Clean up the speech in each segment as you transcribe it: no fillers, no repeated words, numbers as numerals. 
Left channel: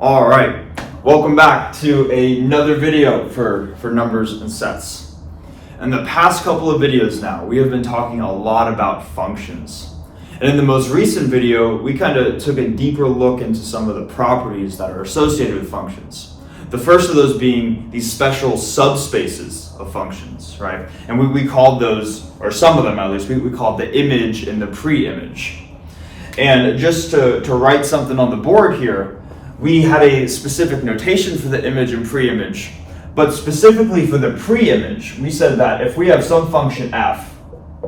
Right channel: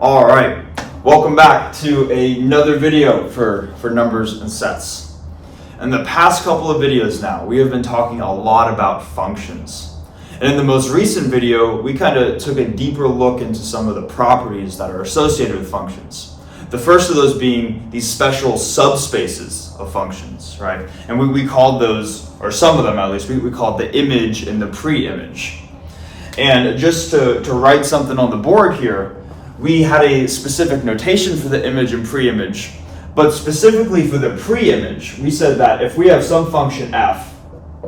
All right, welcome back to another video for numbers and sets. In the past couple of videos now, we have been talking a lot about functions. And in the most recent video, we kind of took a deeper look into some of the properties that are associated with functions. The first of those being these special subspaces of functions, right? And we called those, or some of them at least, we called the image and the pre-image. And just to write something on the board here, we had a specific notation for the image and pre-image, but specifically for the pre-image, we said that if we have some function f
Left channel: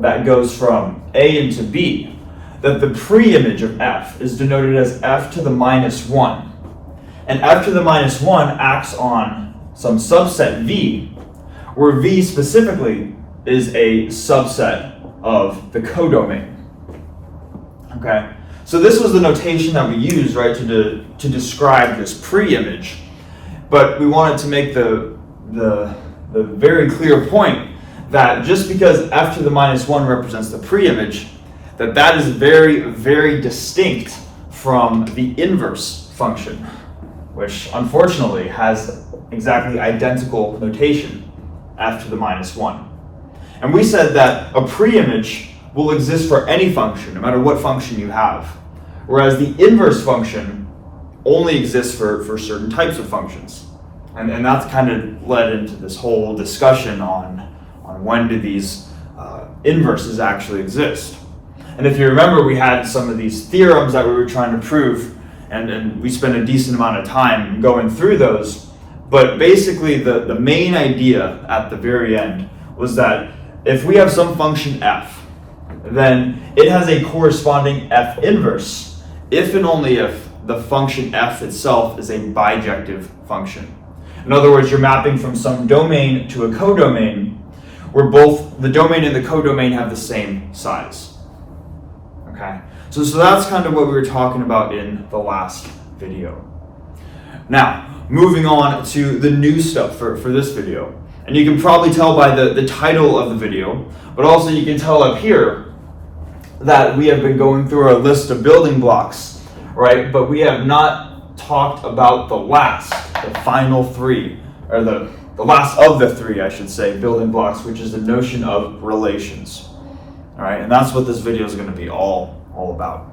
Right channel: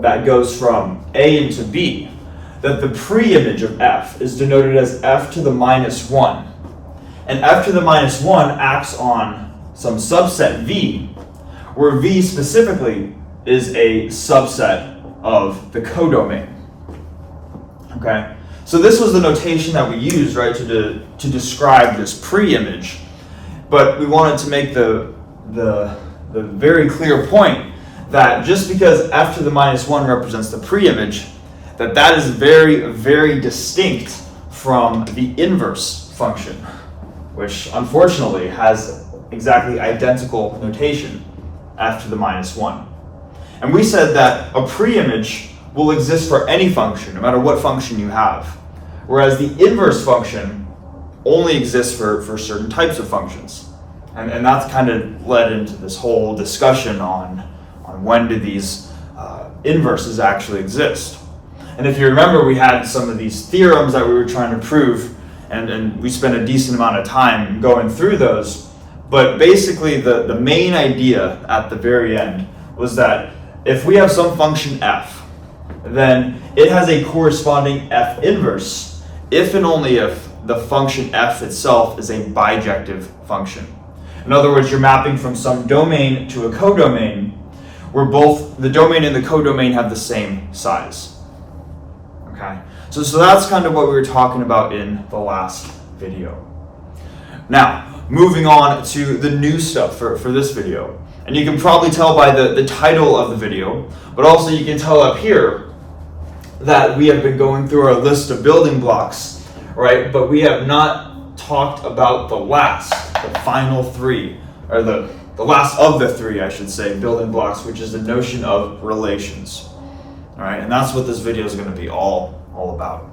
that goes from a into b, that the pre-image of f is denoted as f to the minus 1. And f to the minus 1 acts on some subset v, where v specifically is a subset of the codomain. Okay? So this was the notation that we used, right, to describe this pre-image. But we wanted to make the very clear point that just because f to the minus 1 represents the pre-image, that is very, very distinct from the inverse function, which unfortunately has exactly identical notation, f to the minus 1. And we said that a pre-image will exist for any function, no matter what function you have, whereas the inverse function only exists for certain types of functions. And that's kind of led into this whole discussion on when do these inverses actually exist. And if you remember, we had some of these theorems that we were trying to prove, and we spent a decent amount of time going through those. But basically, the main idea at the very end was that if we have some function f, then it has a corresponding f inverse if and only if the function f itself is a bijective function. In other words, you're mapping from some domain to a codomain where both the domain and the codomain have the same size. Okay, so that's kind of what we were talking about in the last video. Now, moving on to the new stuff for this video. And you can probably tell by the title of the video, but also you can tell up here that we have been going through our list of building blocks, right? But we have not talked about the final three, or the last of the three, I should say, building blocks, which is the notion of relations. All right, and that's what this video is going to be all about.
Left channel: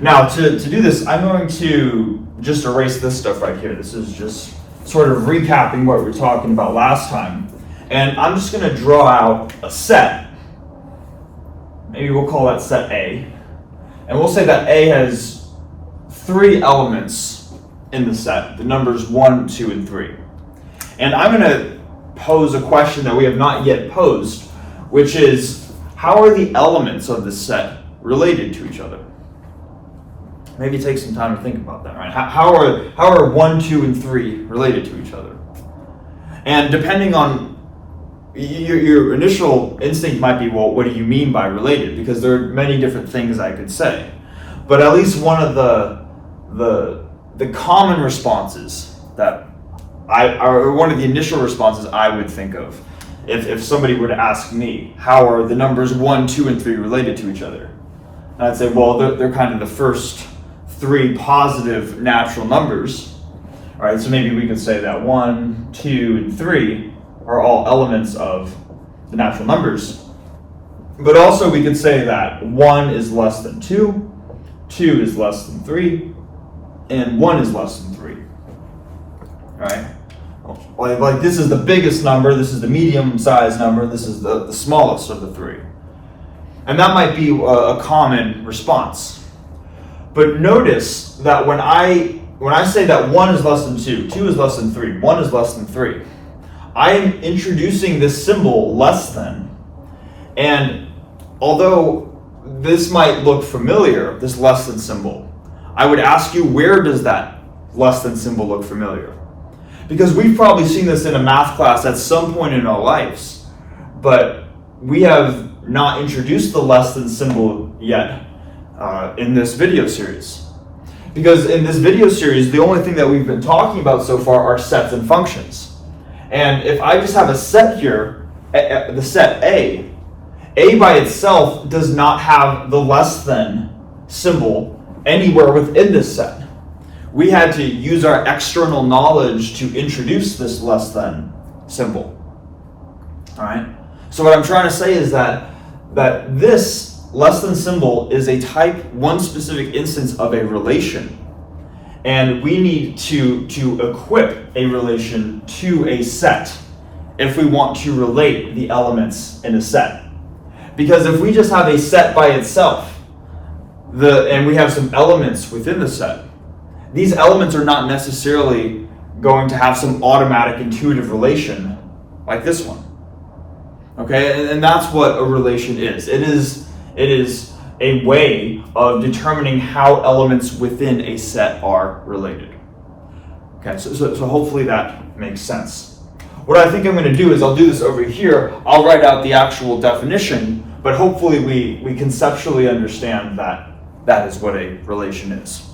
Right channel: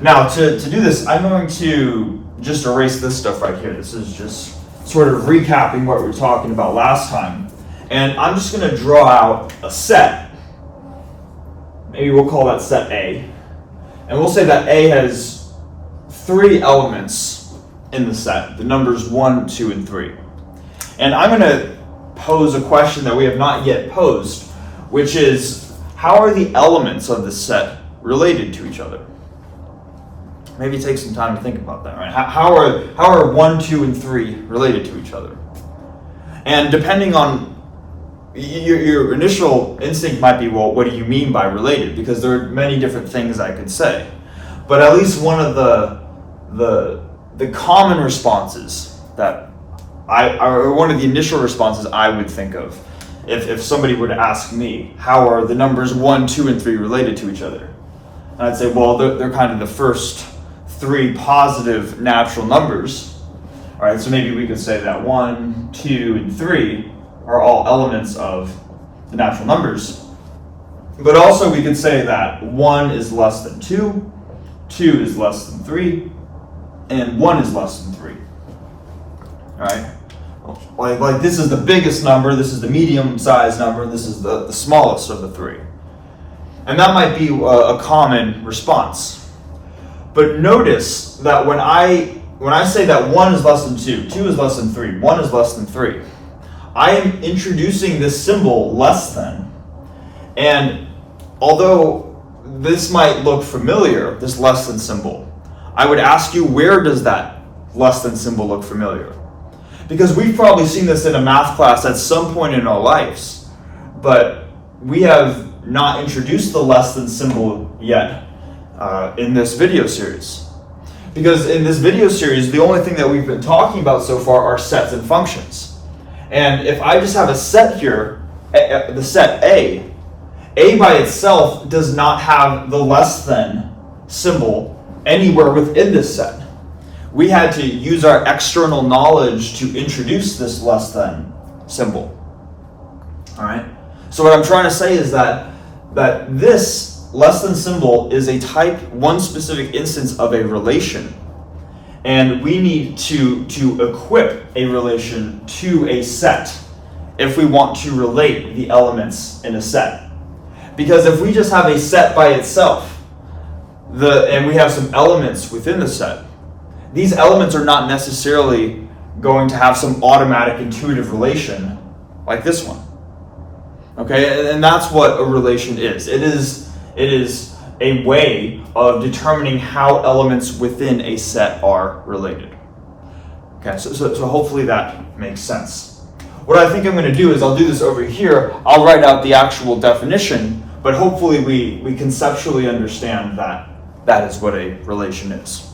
Now, to do this, I'm going to just erase this stuff right here. This is just sort of recapping what we were talking about last time. And I'm just going to draw out a set. Maybe we'll call that set A. And we'll say that A has 3 elements in the set, the numbers 1, 2, and 3. And I'm going to pose a question that we have not yet posed, which is, how are the elements of this set related to each other? Maybe take some time to think about that, right? How are 1, 2, and 3 related to each other? And depending on your initial instinct might be, well, what do you mean by related? Because there are many different things I could say. But at least one of the common responses that or one of the initial responses I would think of, if somebody were to ask me, how are the numbers 1, 2, and 3 related to each other? And I'd say, well, they're kind of the first 3 positive natural numbers. All right, so maybe we could say that 1, 2, and 3 are all elements of the natural numbers. But also we could say that 1 is less than 2, 2 is less than 3, and 1 is less than 3. All right? Like this is the biggest number, this is the medium-sized number, this is the smallest of the 3. And that might be a common response. But notice that when I say that 1 is less than 2, 2 is less than 3, 1 is less than 3, I am introducing this symbol less than. And although this might look familiar, this less than symbol, I would ask you, where does that less than symbol look familiar? Because we've probably seen this in a math class at some point in our lives, but we have not introduced the less than symbol yet in this video series. Because in this video series, the only thing that we've been talking about so far are sets and functions. And if I just have a set here, the set A by itself does not have the less than symbol anywhere within this set. we had to use our external knowledge to introduce this less than symbol. All right. So what I'm trying to say is that this less than symbol is a type, one specific instance of a relation. And we need to equip a relation to a set if we want to relate the elements in a set. Because if we just have a set by itself, and we have some elements within the set, these elements are not necessarily going to have some automatic intuitive relation like this one. Okay, and that's what a relation is. It is a way of determining how elements within a set are related. Okay, so hopefully that makes sense. What I think I'm going to do is I'll do this over here. I'll write out the actual definition, but hopefully we conceptually understand that that is what a relation is.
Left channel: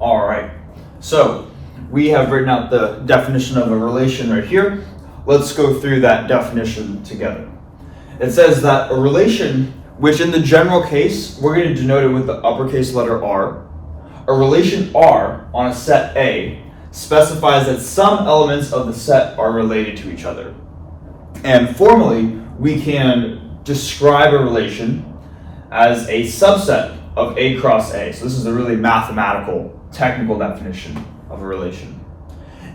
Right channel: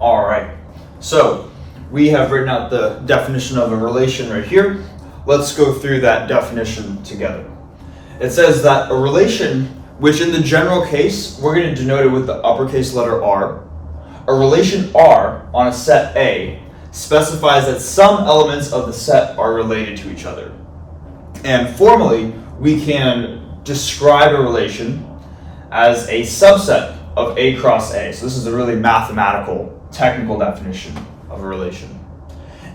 All right, so we have written out the definition of a relation right here. Let's go through that definition together. It says that a relation, which in the general case, we're going to denote it with the uppercase letter R. A relation R on a set A specifies that some elements of the set are related to each other. And formally, we can describe a relation as a subset of A cross A. So this is a really mathematical, technical definition of a relation.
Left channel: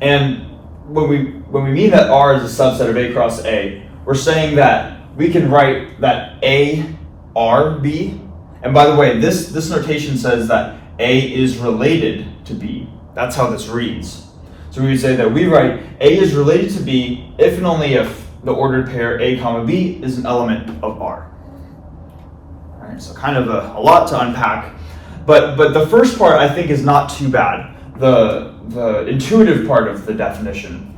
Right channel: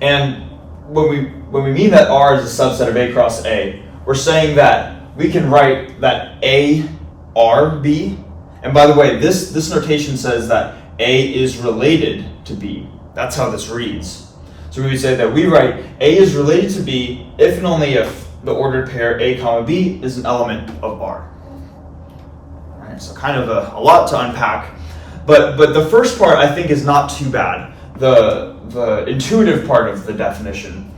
And when we mean that R is a subset of A cross A, we're saying that we can write that A R B. And by the way, this notation says that A is related to B. That's how this reads. So we would say that we write A is related to B if and only if the ordered pair A comma B is an element of R. All right, so kind of a lot to unpack. But the first part I think is not too bad. The intuitive part of the definition,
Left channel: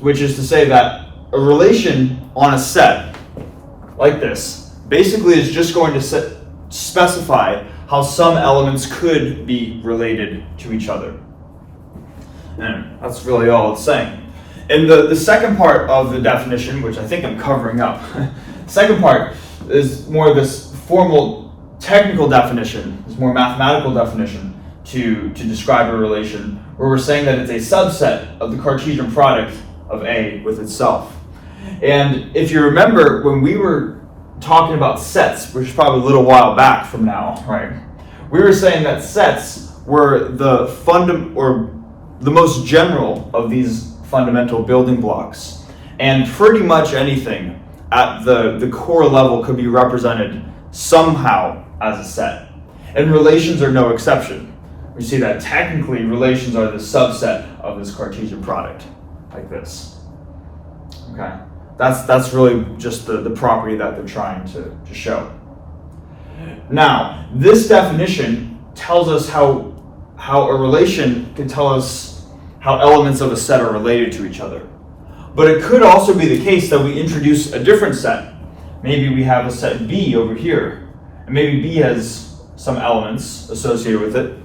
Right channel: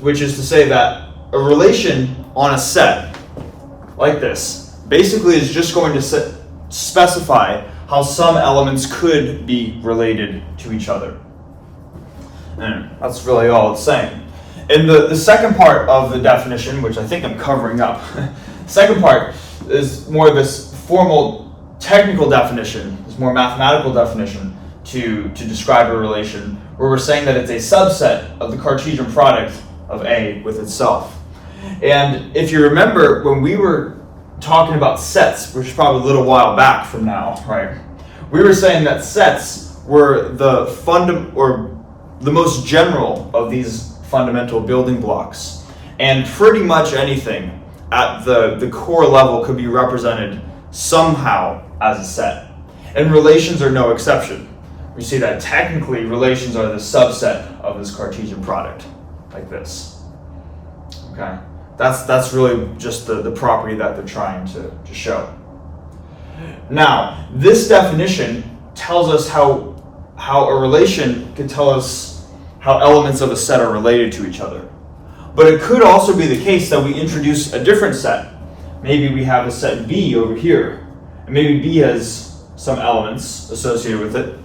which is to say that a relation on a set like this basically is just going to specify how some elements could be related to each other. And that's really all it's saying. And the second part of the definition, which I think I'm covering up, second part is more of this formal technical definition, this more mathematical definition to describe a relation, where we're saying that it's a subset of the Cartesian product of A with itself. And if you remember, when we were talking about sets, which is probably a little while back from now, right? We were saying that sets were the most general of these fundamental building blocks. And pretty much anything at the core level could be represented somehow as a set. And relations are no exception. We see that technically relations are the subset of this Cartesian product, like this. Okay, that's really just the property that they're trying to show. Now, this definition tells us how a relation can tell us how elements of a set are related to each other. But it could also be the case that we introduce a different set. Maybe we have a set B over here, and maybe B has some elements associated with it.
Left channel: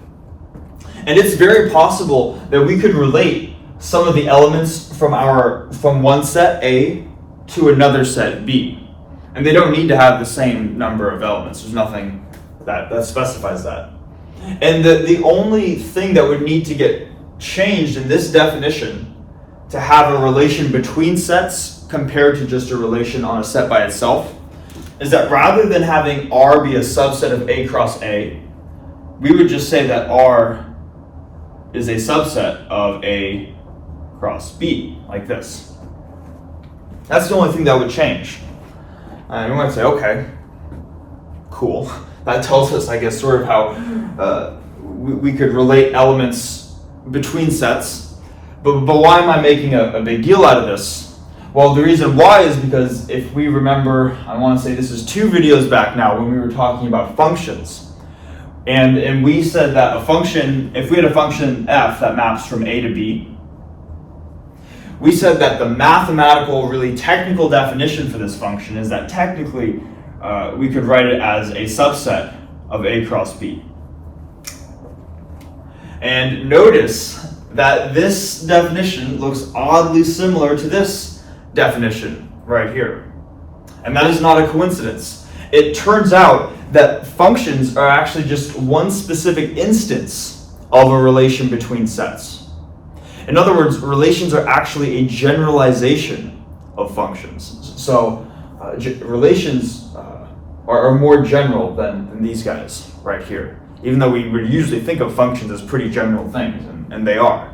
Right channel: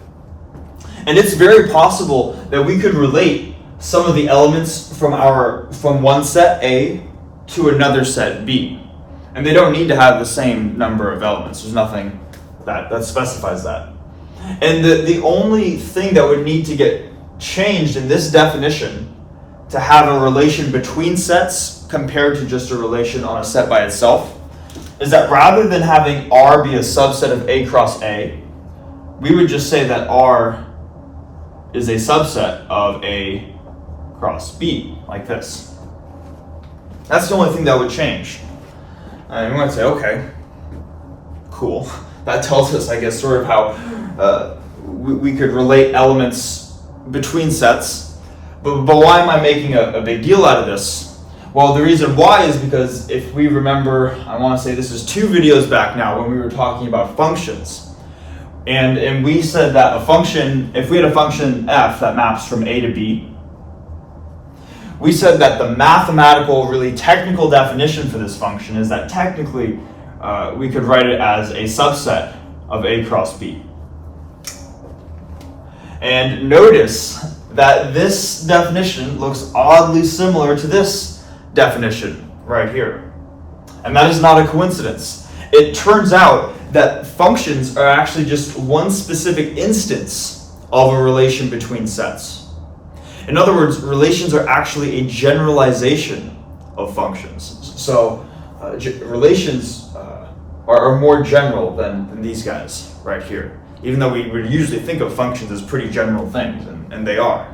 And it's very possible that we could relate some of the elements from one set A to another set B. And they don't need to have the same number of elements. There's nothing that specifies that. And the only thing that would need to get changed in this definition to have a relation between sets compared to just a relation on a set by itself is that rather than having R be a subset of A cross A, we would just say that R is a subset of A cross B, like this. That's the only thing that would change. And we might say, okay, cool. That tells us, I guess, sort of how we could relate elements between sets. But why am I making a big deal out of this? Well, the reason why is because if we remember, I want to say this is 2 videos back now when we were talking about functions. And we said that a function, if we had a function f that maps from A to B, we said that the mathematical, really technical definition for this function is that technically we could write it as a subset of A cross B. And notice that this definition looks oddly similar to this definition right here. And that is not a coincidence. It turns out that functions are actually just one specific instance of a relation between sets. In other words, relations are actually a generalization of functions. So relations are more general than these guys right here, even though we would usually think of functions as pretty general things, and they are.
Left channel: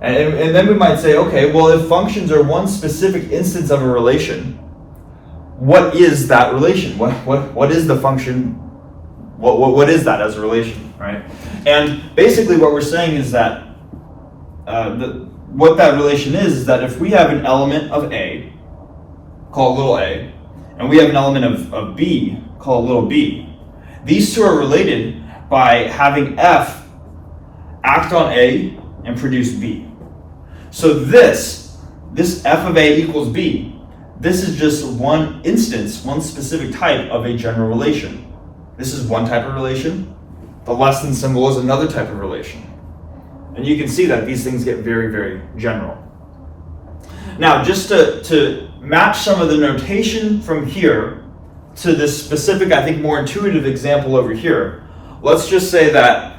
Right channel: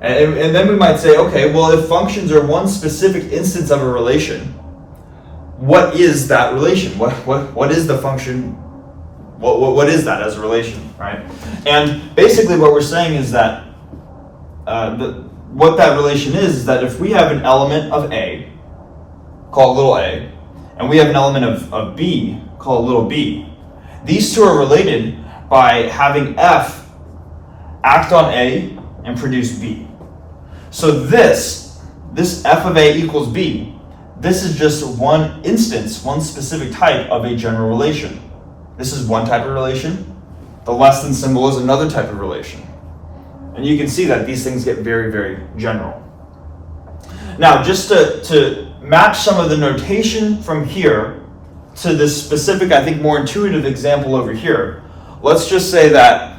And then we might say, okay, well, if functions are one specific instance of a relation, what is that relation? What is the function? What is that as a relation, right? And basically what we're saying is that what that relation is that if we have an element of A, called little a, and we have an element of B, called little b, these two are related by having F act on A and produce B. So this F of A equals B, this is just one instance, one specific type of a general relation. This is one type of relation. The less than symbol is another type of relation. And you can see that these things get very, very general. Now, just to match some of the notation from here to this specific, I think, more intuitive example over here, let's just say that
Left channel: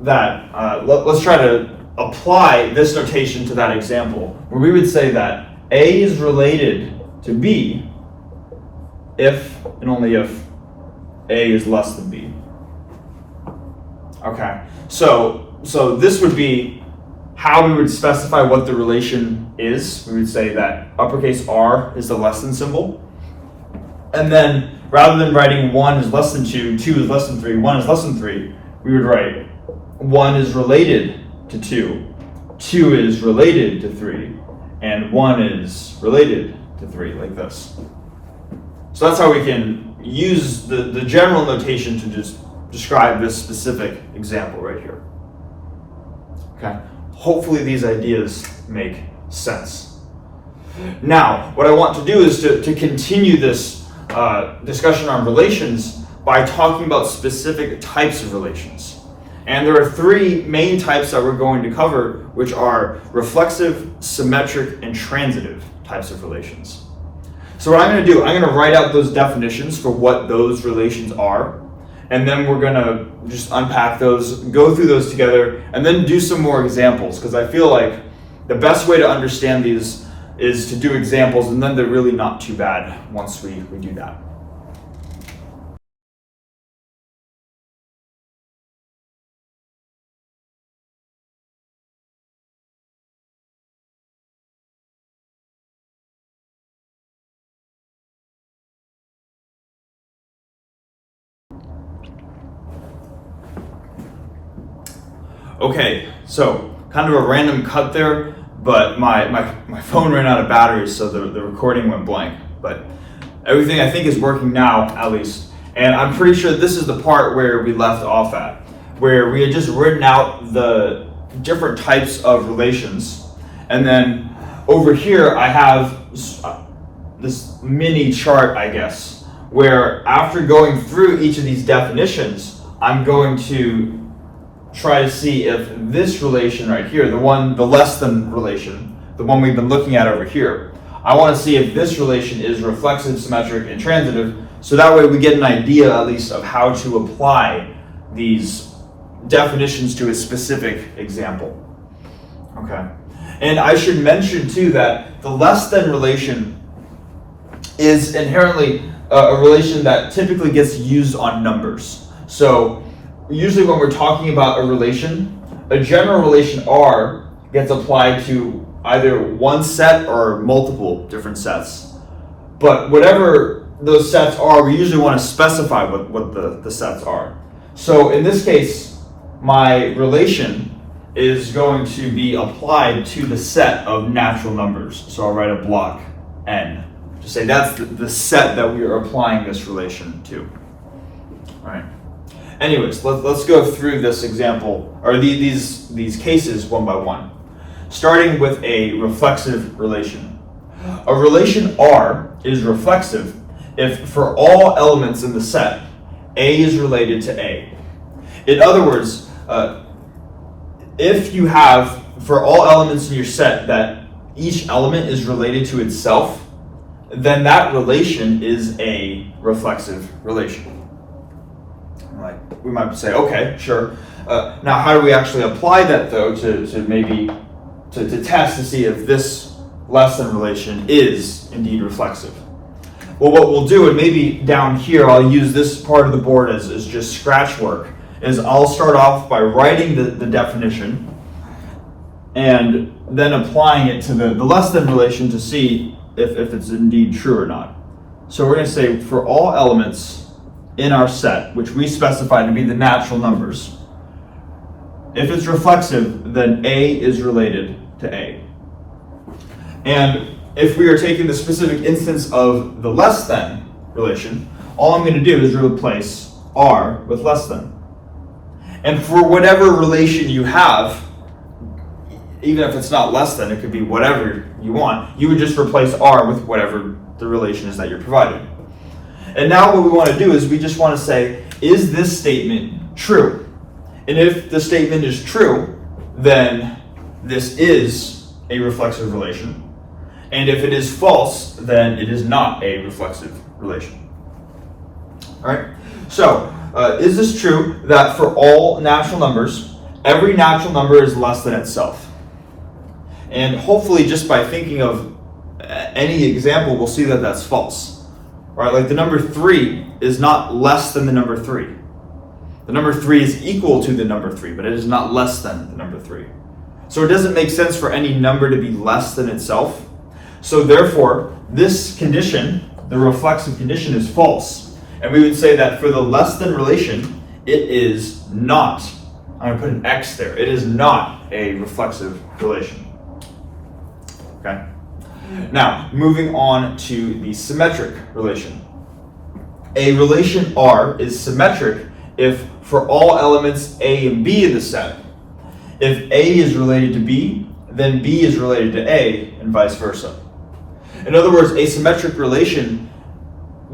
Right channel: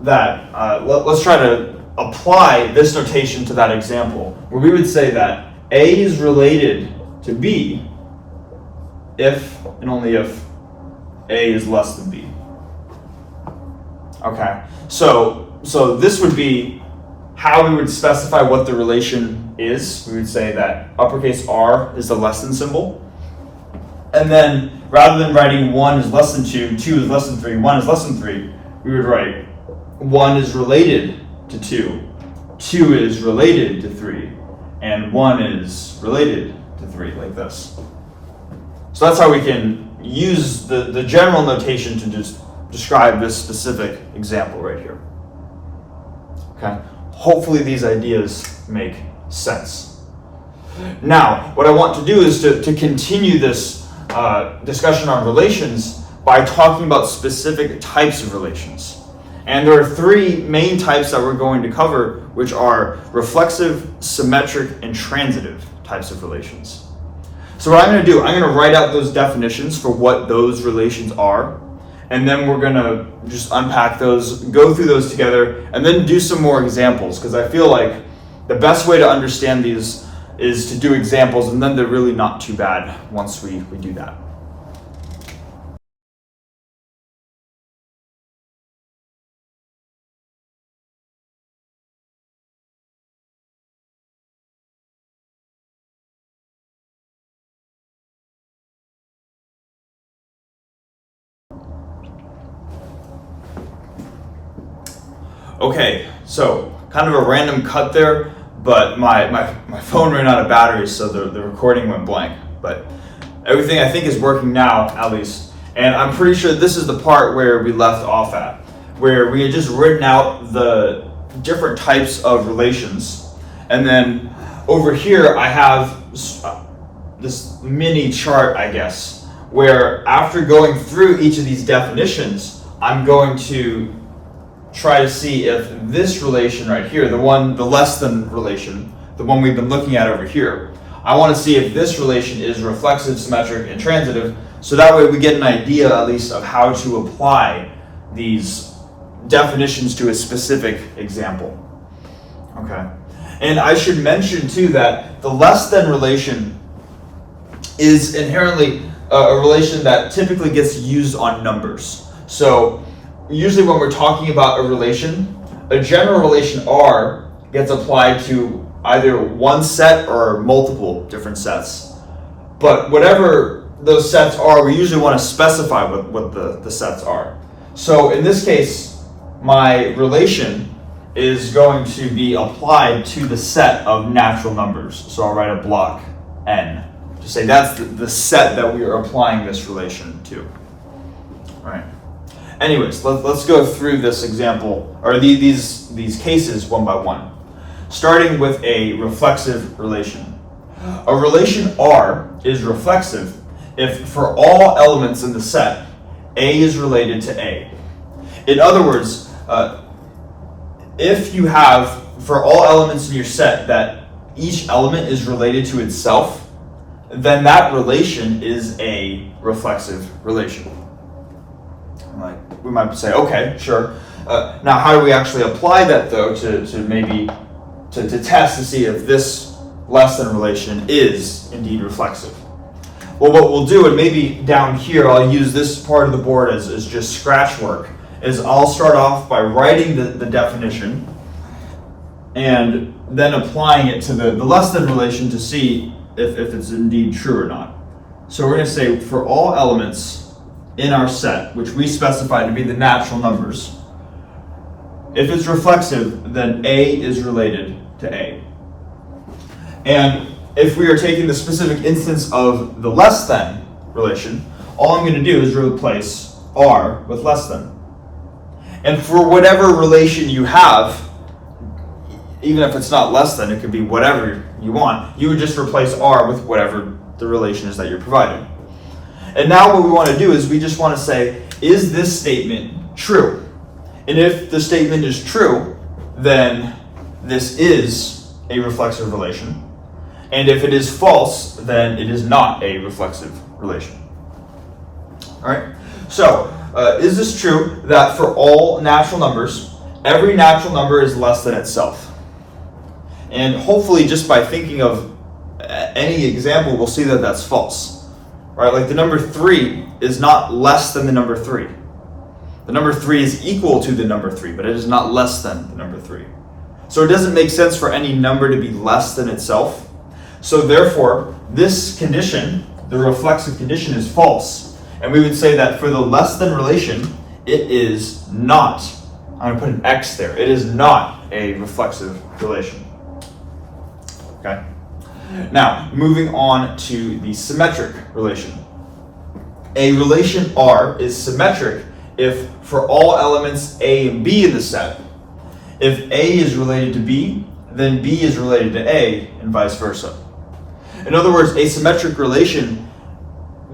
let's try to apply this notation to that example, where we would say that A is related to B if and only if A is less than B. Okay, so this would be how we would specify what the relation is. We would say that uppercase R is the less than symbol. And then rather than writing 1 is less than 2, 2 is less than 3, 1 is less than 3, we would write 1 is related to 2, 2 is related to 3, and 1 is related to 3, like this. So that's how we can use the general notation to just describe this specific example right here. Okay, hopefully these ideas make sense. Now, what I want to do is to continue this discussion on relations by talking about specific types of relations. And there are three main types that we're going to cover, which are reflexive, symmetric, and transitive types of relations. So what I'm going to do, I'm going to write out those definitions for what those relations are, and then we're going to just unpack those, go through those together, and then do some more examples, because I feel like the best way to understand these is to do examples, and then they're really not too bad once we do that. Okay, so kind of a random cut there, but my phone ran out of batteries, so the recording went blank. But everything I think is working now, at least. And I'm pretty sure this is the part where we left off at, where we had just written out the different types of relations. And then over here, I have this mini chart, I guess, where after going through each of these definitions, I'm going to try to see if this relation right here, the less than relation, the one we've been looking at over here, I want to see if this relation is reflexive, symmetric, and transitive, so that way we get an idea at least of how to apply these definitions to a specific example. Okay, and I should mention too that the less than relation is inherently a relation that typically gets used on numbers. So usually when we're talking about a relation, a general relation R gets applied to either one set or multiple different sets. But whatever those sets are, we usually want to specify what the sets are. So in this case, my relation is going to be applied to the set of natural numbers. So I'll write a block N to say that's the set that we are applying this relation to. All right. Anyways, let's go through this example, or these cases one by one. Starting with a reflexive relation. A relation R is reflexive if for all elements in the set, A is related to A. In other words, if you have, for all elements in your set, that each element is related to itself, then that relation is a reflexive relation. Like, we might say, okay, sure. Now, how do we actually apply that, though, to maybe to test to see if this less than relation is indeed reflexive? Well, what we'll do, and maybe down here, I'll use this part of the board as just scratch work, is I'll start off by writing the definition and then applying it to the less than relation to see if it's indeed true or not. So we're going to say for all elements in our set, which we specify to be the natural numbers, if it's reflexive, then A is related to A. And if we are taking the specific instance of the less than relation, all I'm going to do is replace R with less than. And for whatever relation you have, even if it's not less than, it could be whatever you want, you would just replace R with whatever the relation is that you're providing. And now what we want to do is we just want to say, is this statement true? And if the statement is true, then this is a reflexive relation. And if it is false, then it is not a reflexive relation. All right? So, is this true that for all natural numbers, every natural number is less than itself? And hopefully just by thinking of any example, we'll see that that's false. Right? Like the number 3 is not less than the number 3. The number 3 is equal to the number 3, but it is not less than the number 3. So it doesn't make sense for any number to be less than itself. So therefore, this condition, the reflexive condition, is false. And we would say that for the less than relation, it is not, I'm going to put an X there, it is not a reflexive relation. Okay? Now, moving on to the symmetric relation. A relation R is symmetric if for all elements A and B in the set, if A is related to B, then B is related to A, and vice versa. In other words, a symmetric relation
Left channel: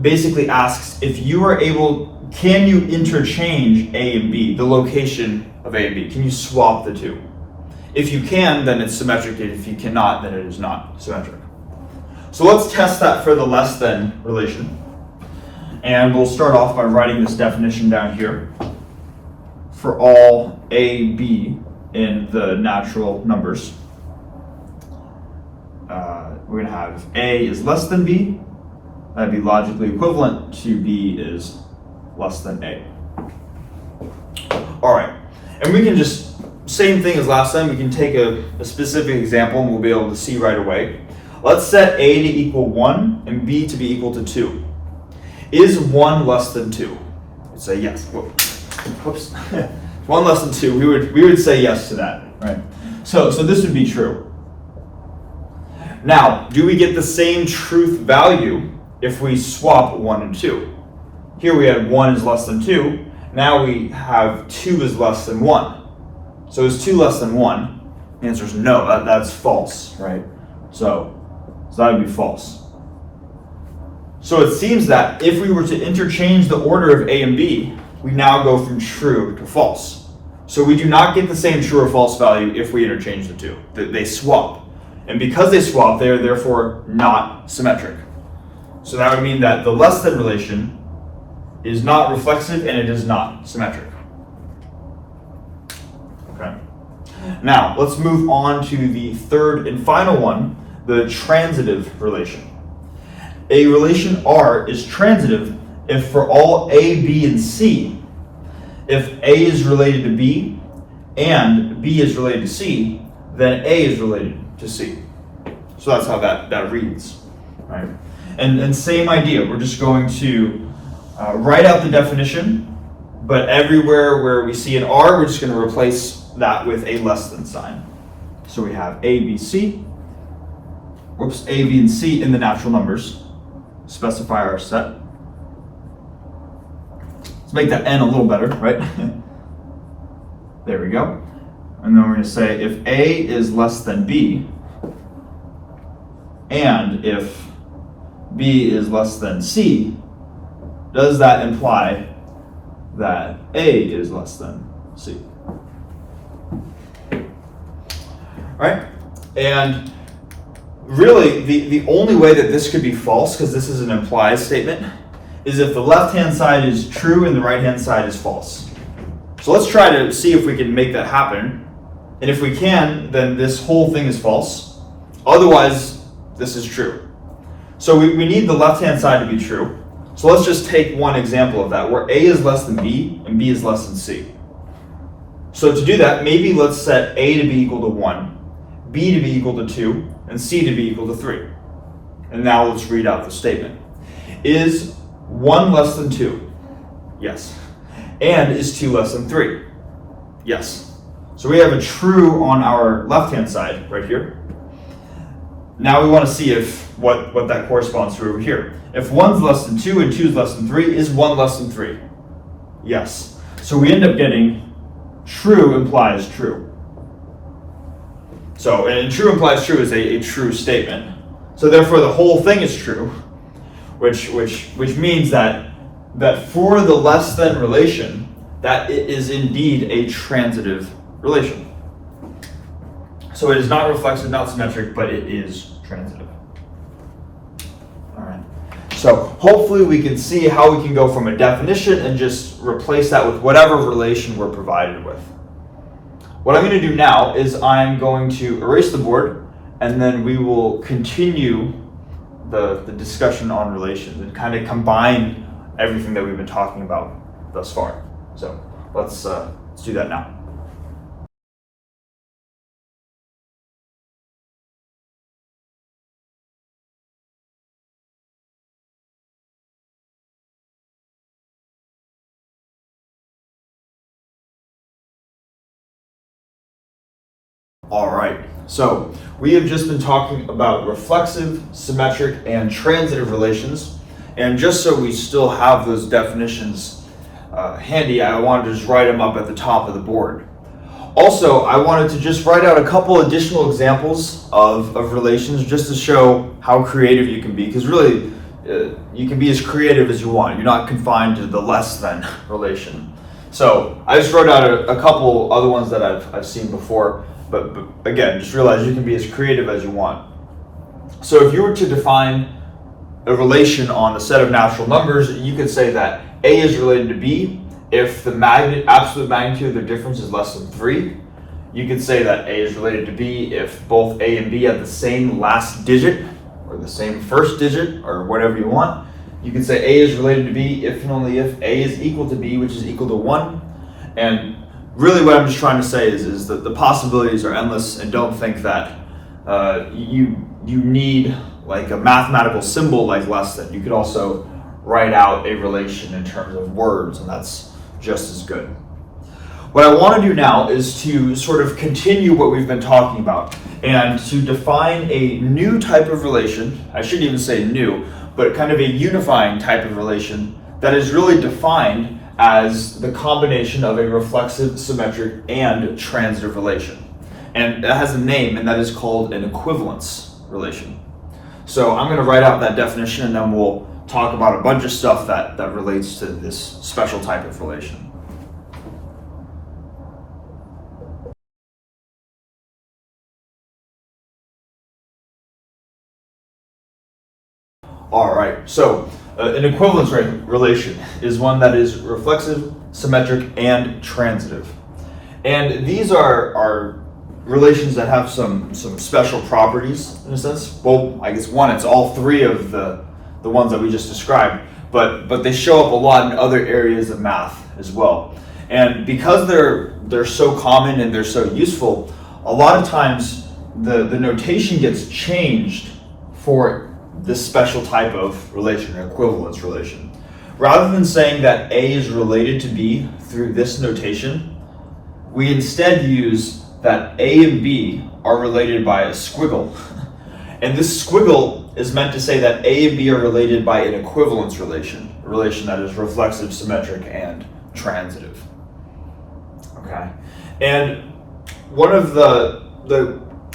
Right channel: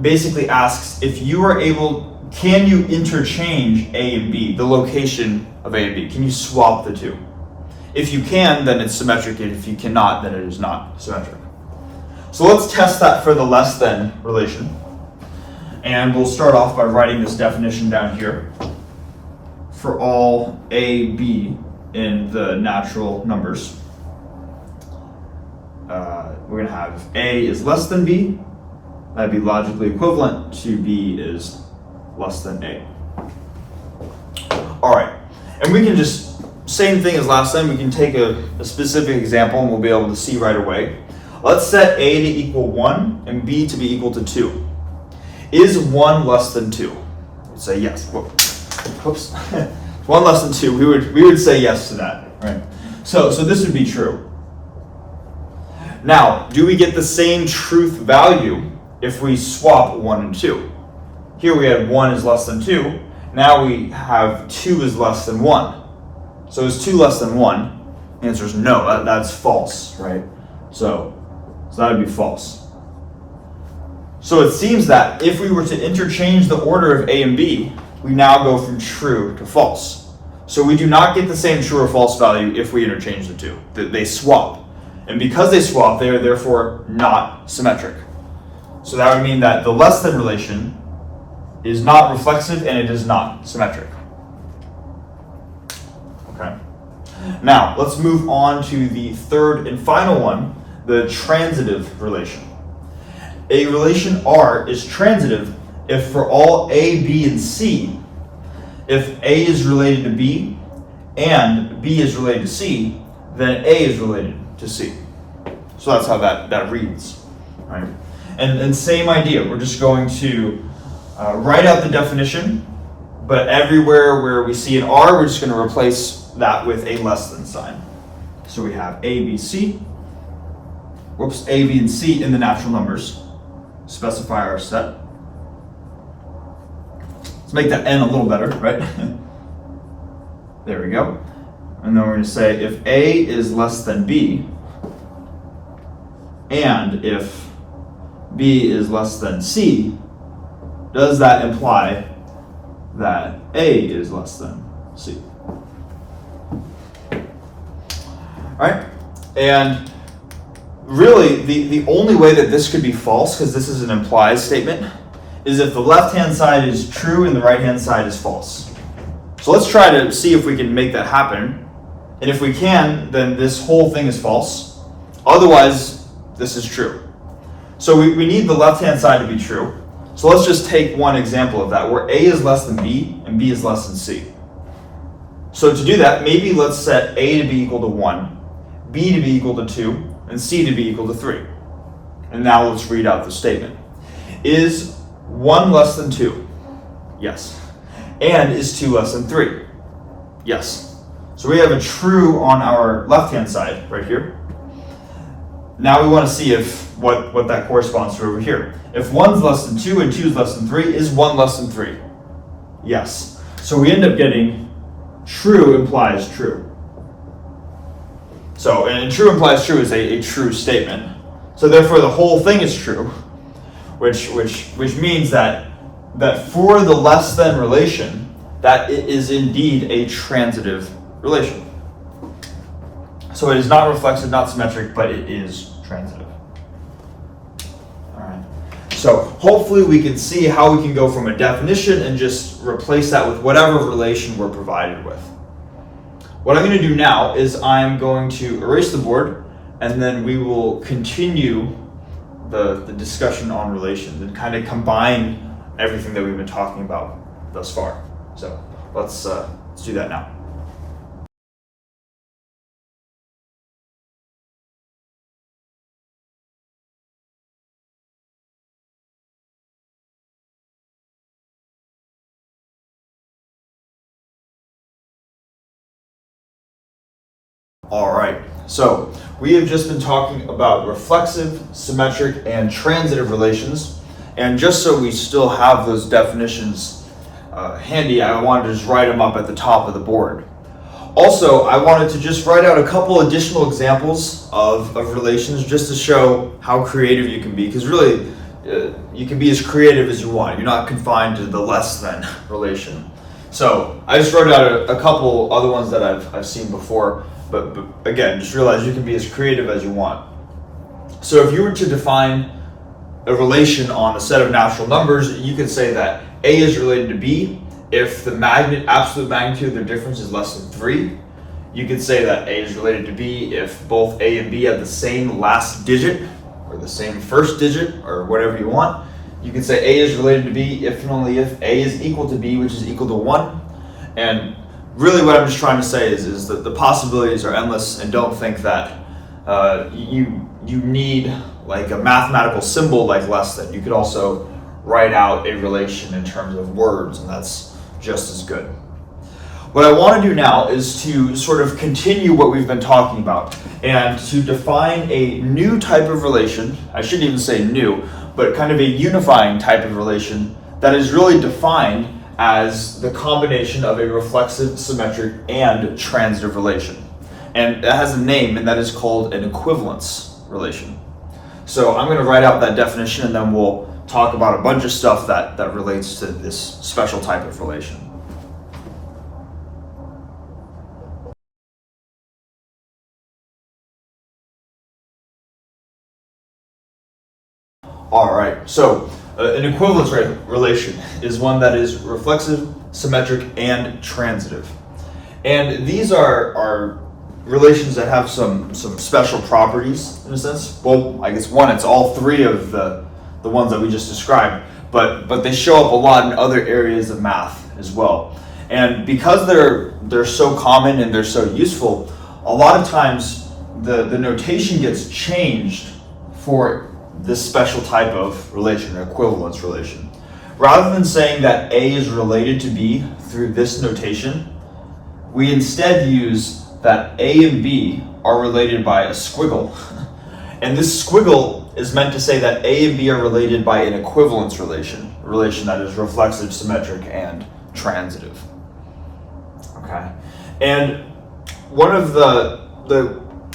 basically asks if you are able, can you interchange A and B, the location of A and B? Can you swap the two? If you can, then it's symmetric, and if you cannot, then it is not symmetric. So let's test that for the less than relation. And we'll start off by writing this definition down here. For all A, B in the natural numbers, we're going to have A is less than B. That'd be logically equivalent to B is less than A. All right, and we can just, same thing as last time, we can take a specific example and we'll be able to see right away. Let's set A to equal 1 and B to be equal to 2. Is 1 less than 2? We'd say yes. Whoops. 1 less than 2, we would say yes to that, right? So this would be true. Now, do we get the same truth value if we swap 1 and 2? Here we have 1 is less than 2. Now we have 2 is less than 1. So is 2 less than 1? The answer is no, that's false, right? So that would be false. So it seems that if we were to interchange the order of A and B, we now go from true to false. So we do not get the same true or false value if we interchange the two. They swap. And because they swap, they are therefore not symmetric. So that would mean that the less than relation is not reflexive and it is not symmetric. Okay. Now, let's move on to the third and final one, the transitive relation. A relation R is transitive if for all A, B, and C, if A is related to B and B is related to C, then A is related to C. So that's how that reads, right? And same idea, we're just going to write out the definition, but everywhere where we see an R, we're just going to replace that with a less than sign. So we have A, B, C, A, B, and C in the natural numbers. Specify our set. Let's make that N a little better, right? There we go. And then we're going to say if A is less than B, and if B is less than C, does that imply that A is less than C? right? And really, the only way that this could be false, because this is an implied statement, is if the left-hand side is true and the right-hand side is false. So let's try to see if we can make that happen. And if we can, then this whole thing is false. Otherwise, this is true. So we need the left-hand side to be true. So let's just take one example of that, where A is less than B and B is less than C. So to do that, maybe let's set A to be equal to 1, B to be equal to 2, and C to be equal to 3. And now let's read out the statement. Is 1 less than 2? Yes. And is 2 less than 3? Yes. So we have a true on our left-hand side right here. Now we want to see if what that corresponds to over here. If 1's less than 2 and 2 is less than 3, is 1 less than 3? Yes. So we end up getting true implies true. So, and true implies true is a true statement. So therefore the whole thing is true, which means that for the less than relation, that it is indeed a transitive relation. So it is not reflexive, not symmetric, but it is transitive. All right. So hopefully we can see how we can go from a definition and just replace that with whatever relation we're provided with. What I'm going to do now is I'm going to erase the board, and then we will continue the discussion on relations and kind of combine everything that we've been talking about thus far. So let's do that now. All right, so we have just been talking about reflexive, symmetric, and transitive relations. And just so we still have those definitions handy, I wanted to just write them up at the top of the board. Also, I wanted to just write out a couple additional examples of relations just to show how creative you can be, because really you can be as creative as you want. You're not confined to the less than relation. So I just wrote out a couple other ones that I've seen before. But again, just realize you can be as creative as you want. So if you were to define a relation on a set of natural numbers, you could say that A is related to B if the absolute magnitude of their difference is less than 3. You could say that A is related to B if both A and B have the same last digit or the same first digit or whatever you want. You could say A is related to B if and only if A is equal to B, which is equal to 1. And really what I'm just trying to say is that the possibilities are endless, and don't think that you need like a mathematical symbol like less than. You could also write out a relation in terms of words, and that's just as good. What I want to do now is to sort of continue what we've been talking about and to define a new type of relation. I shouldn't even say new, but kind of a unifying type of relation that is really defined as the combination of a reflexive, symmetric, and transitive relation. And that has a name, and that is called an equivalence relation. So I'm going to write out that definition, and then we'll talk about a bunch of stuff that relates to this special type of relation. All right, so an equivalence relation is one that is reflexive, symmetric, and transitive. And these are relations that have some special properties in a sense. Well, I guess one, it's all three of the ones that we just described, but they show up a lot in other areas of math as well. And because they're so common and they're so useful, a lot of times the notation gets changed for this special type of relation, an equivalence relation. Rather than saying that A is related to B through this notation, we instead use that A and B are related by a squiggle. And this squiggle is meant to say that A and B are related by an equivalence relation, a relation that is reflexive, symmetric, and transitive. Okay. And one of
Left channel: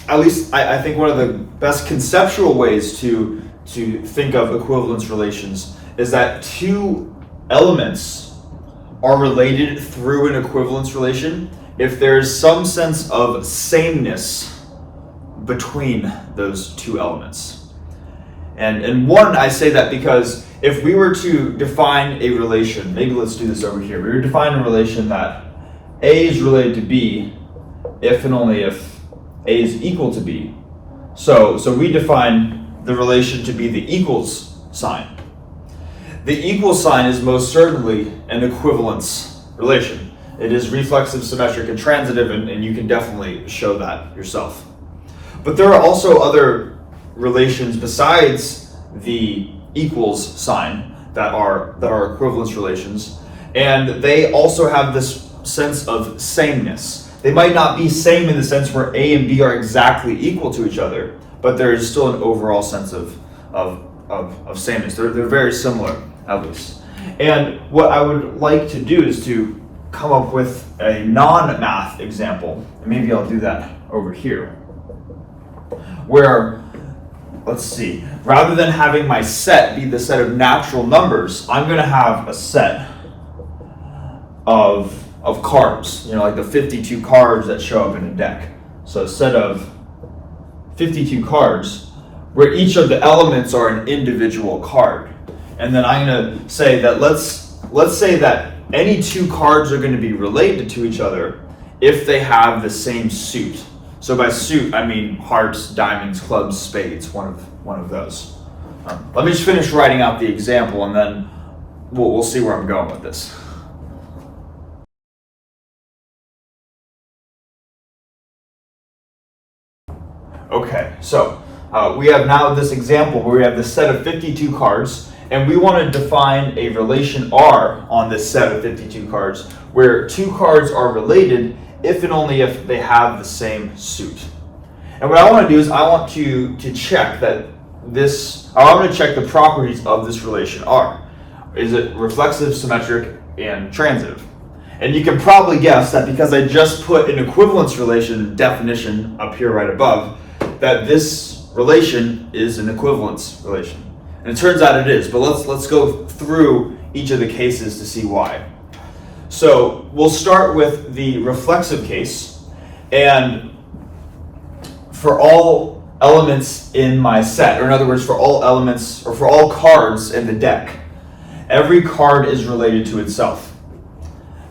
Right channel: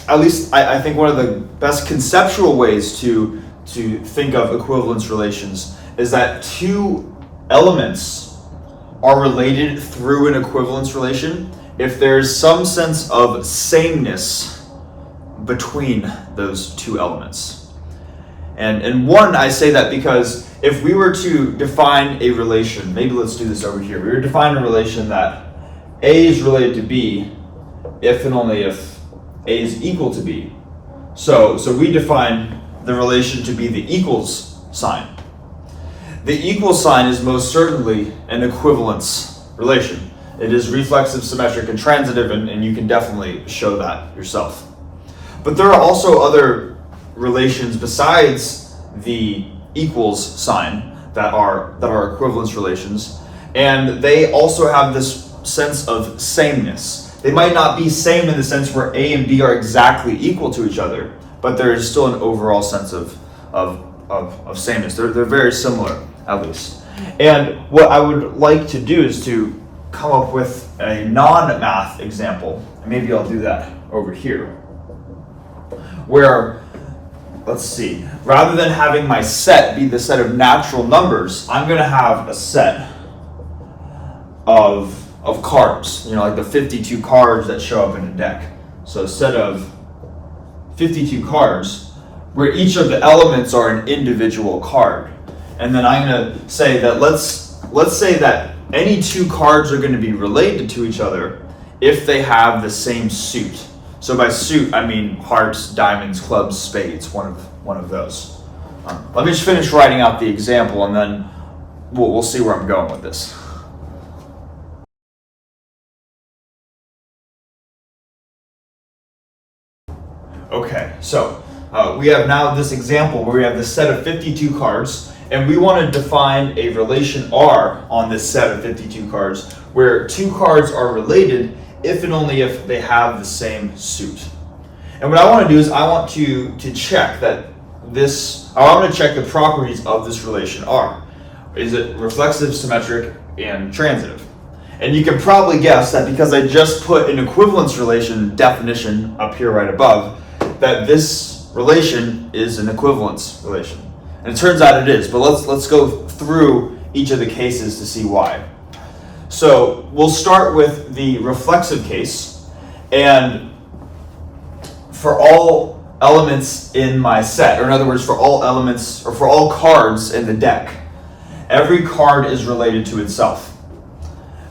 at least I think one of the best conceptual ways to think of equivalence relations is that two elements are related through an equivalence relation if there's some sense of sameness between those two elements. And one, I say that because if we were to define a relation, maybe let's do this over here. We were to define a relation that A is related to B if and only if A is equal to B. So we define the relation to be the equals sign. The equal sign is most certainly an equivalence relation. It is reflexive, symmetric, and transitive, and you can definitely show that yourself. But there are also other relations besides the equals sign that are equivalence relations, and they also have this sense of sameness. They might not be same in the sense where A and B are exactly equal to each other, but there is still an overall sense of sameness. They're very similar, at least. And what I would like to do is to come up with a non-math example, and maybe I'll do that over here, where, let's see, rather than having my set be the set of natural numbers, I'm going to have a set of cards, like the 52 cards that show up in a deck. So a set of 52 cards where each of the elements are an individual card. And then I'm going to say that let's say that any two cards are going to be related to each other if they have the same suit. So by suit, I mean hearts, diamonds, clubs, spades, one of those. Let me just finish writing out the example, and then we'll see where I'm going with this. Okay, so we have now this example where we have this set of 52 cards, and we want to define a relation R on this set of 52 cards where two cards are related if and only if they have the same suit. And what I want to do is I want to check that I'm going to check the properties of this relation R. Is it reflexive, symmetric, and transitive? And you can probably guess that because I just put an equivalence relation definition up here right above, that this relation is an equivalence relation. And it turns out it is, but let's go through each of the cases to see why. So we'll start with the reflexive case, and for all elements in my set, or in other words, for all elements, or for all cards in the deck, every card is related to itself.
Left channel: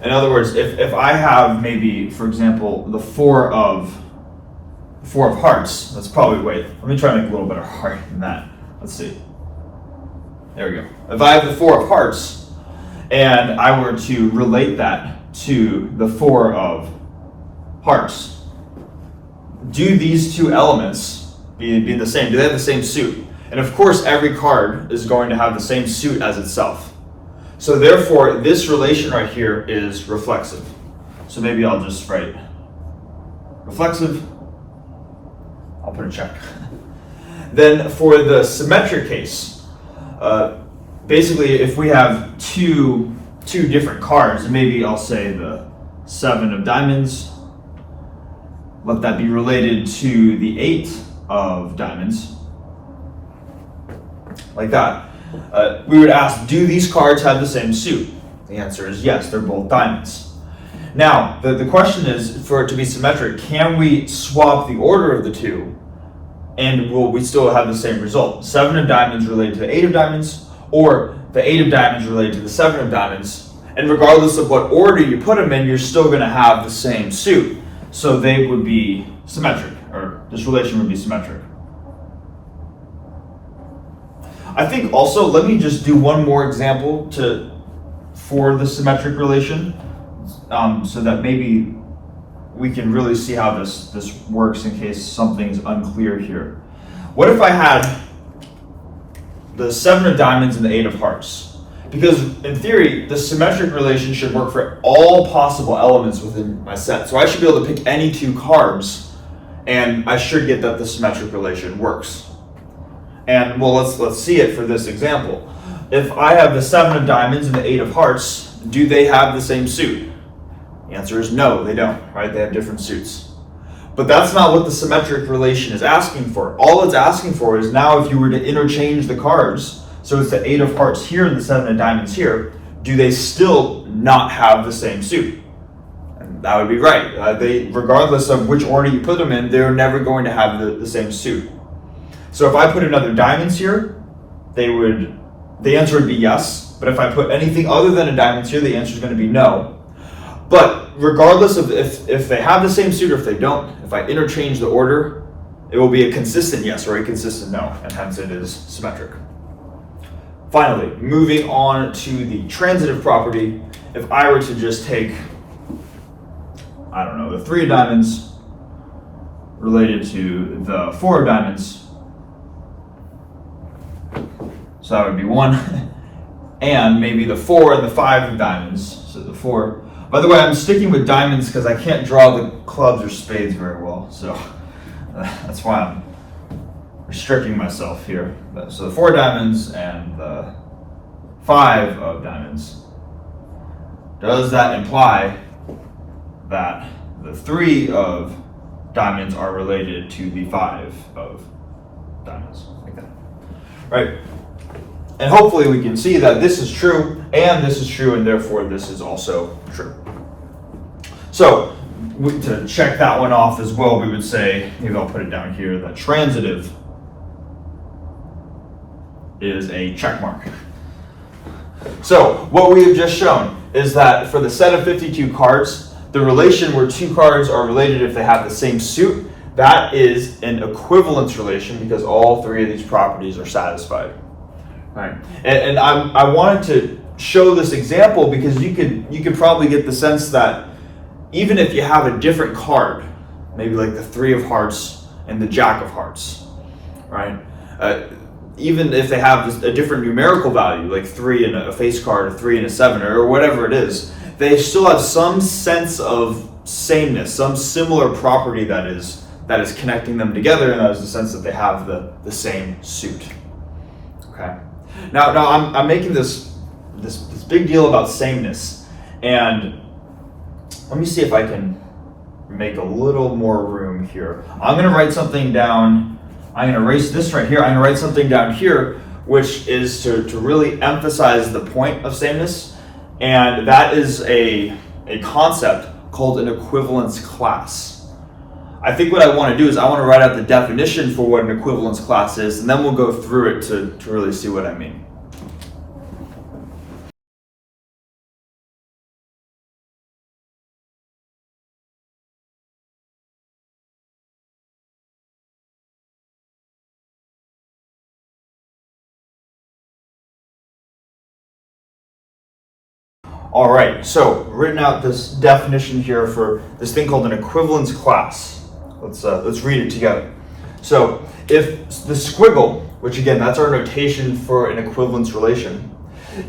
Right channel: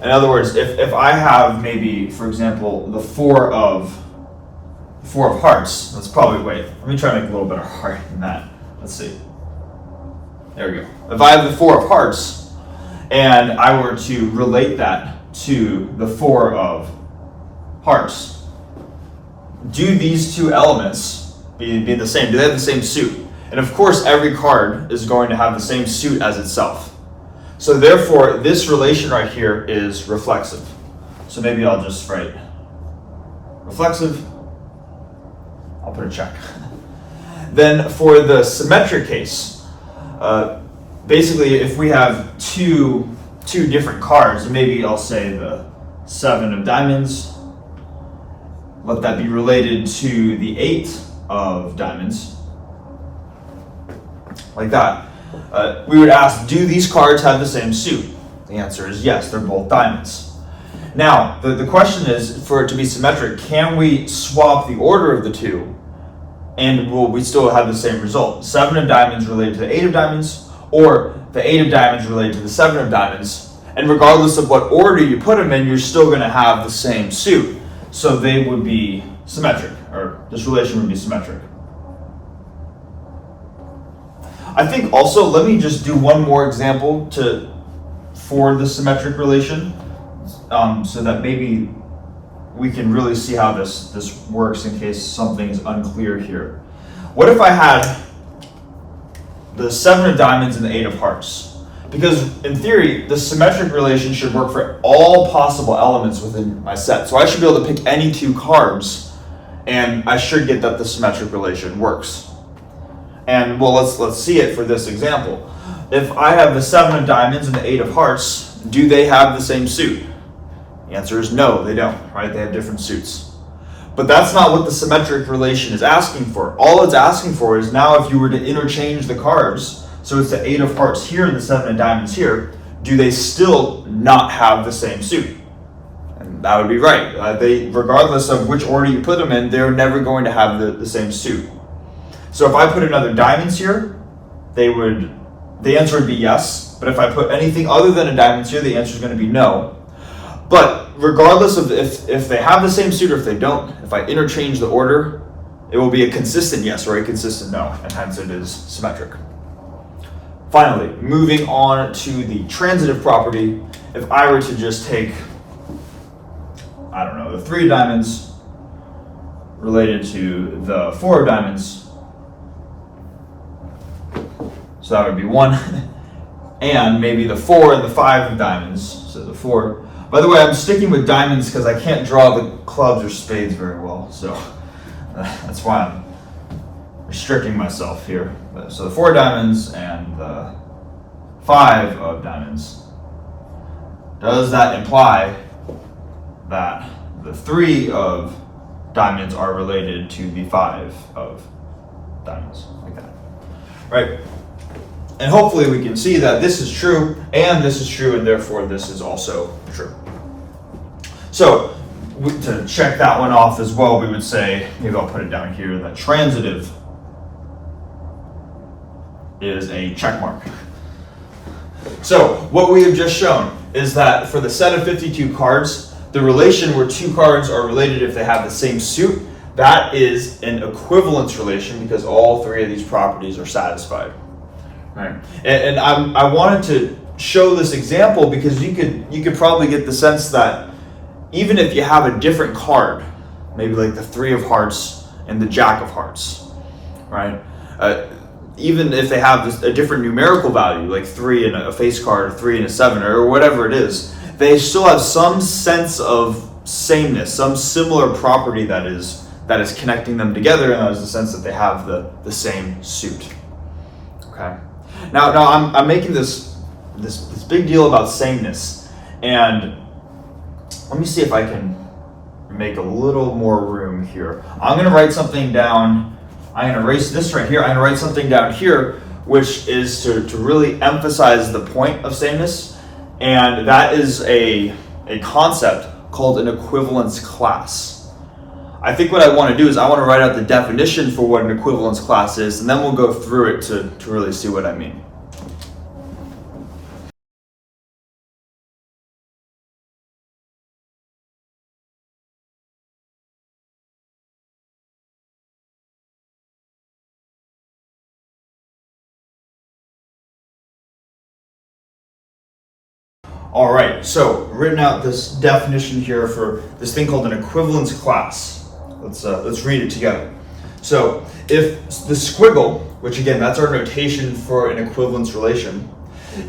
In other words, if I have maybe, for example, the four of hearts, let me try to make it a little better heart than that. Let's see. There we go. If I have the four of hearts, and I were to relate that to the four of hearts, do these two elements be the same? Do they have the same suit? And of course, every card is going to have the same suit as itself. So therefore, this relation right here is reflexive. So maybe I'll just write reflexive. I'll put a check. Then for the symmetric case, basically if we have two different cards, maybe I'll say the 7 of diamonds, let that be related to the 8 of diamonds, like that. We would ask, do these cards have the same suit? The answer is yes, they're both diamonds. Now, the question is, for it to be symmetric, can we swap the order of the two and will we still have the same result? 7 of diamonds related to the 8 of diamonds, or the 8 of diamonds related to the 7 of diamonds, and regardless of what order you put them in, you're still going to have the same suit. So they would be symmetric, or this relation would be symmetric. I think also, let me just do one more example for the symmetric relation, so that maybe we can really see how this works in case something is unclear here. What if I had the 7 of diamonds and the 8 of hearts? Because in theory, the symmetric relation should work for all possible elements within my set. So I should be able to pick any two cards, and I should get that the symmetric relation works. And well, let's see it for this example. If I have the 7 of diamonds and the 8 of hearts, do they have the same suit? The answer is no, they don't, right? They have different suits. But that's not what the symmetric relation is asking for. All it's asking for is now if you were to interchange the cards, so it's the 8 of hearts here and the 7 of diamonds here, do they still not have the same suit? And that would be right. Regardless of which order you put them in, they're never going to have the same suit. So if I put another diamonds here, the answer would be yes. But if I put anything other than a diamonds here, the answer is going to be no. But regardless of if they have the same suit or if they don't, if I interchange the order, it will be a consistent yes or a consistent no, and hence it is symmetric. Finally, moving on to the transitive property, if I were to just take, I don't know, the 3 of diamonds related to the 4 of diamonds, so that would be 1, and maybe the 4 and the 5 of diamonds, so the 4. By the way, I'm sticking with diamonds because I can't draw the clubs or spades very well, so that's why I'm restricting myself here. So the 4 diamonds and the 5 of diamonds. Does that imply that the 3 of diamonds are related to the 5 of diamonds? Like that, right? And hopefully we can see that this is true, and this is true, and therefore this is also true. So to check that one off as well, we would say, maybe I'll put it down here, that transitive is a check mark. So what we have just shown is that for the set of 52 cards, the relation where 2 cards are related if they have the same suit, that is an equivalence relation because all 3 of these properties are satisfied. Right. And I wanted to show this example because you could probably get the sense that even if you have a different card, maybe like the 3 of hearts and the jack of hearts, right? Even if they have a different numerical value, like 3 in a face card, or 3 in a 7, or whatever it is, they still have some sense of sameness, some similar property that is connecting them together, and that is the sense that they have the same suit. Okay. Now I'm making this big deal about sameness, and let me see if I can make a little more room here. I'm going to write something down. I'm going to erase this right here. I'm going to write something down here, which is to really emphasize the point of sameness, and that is a concept called an equivalence class. I think what I want to do is I want to write out the definition for what an equivalence class is, and then we'll go through it to really see what I mean. All right, so written out this definition here for this thing called an equivalence class. Let's read it together. So if the squiggle, which again, that's our notation for an equivalence relation,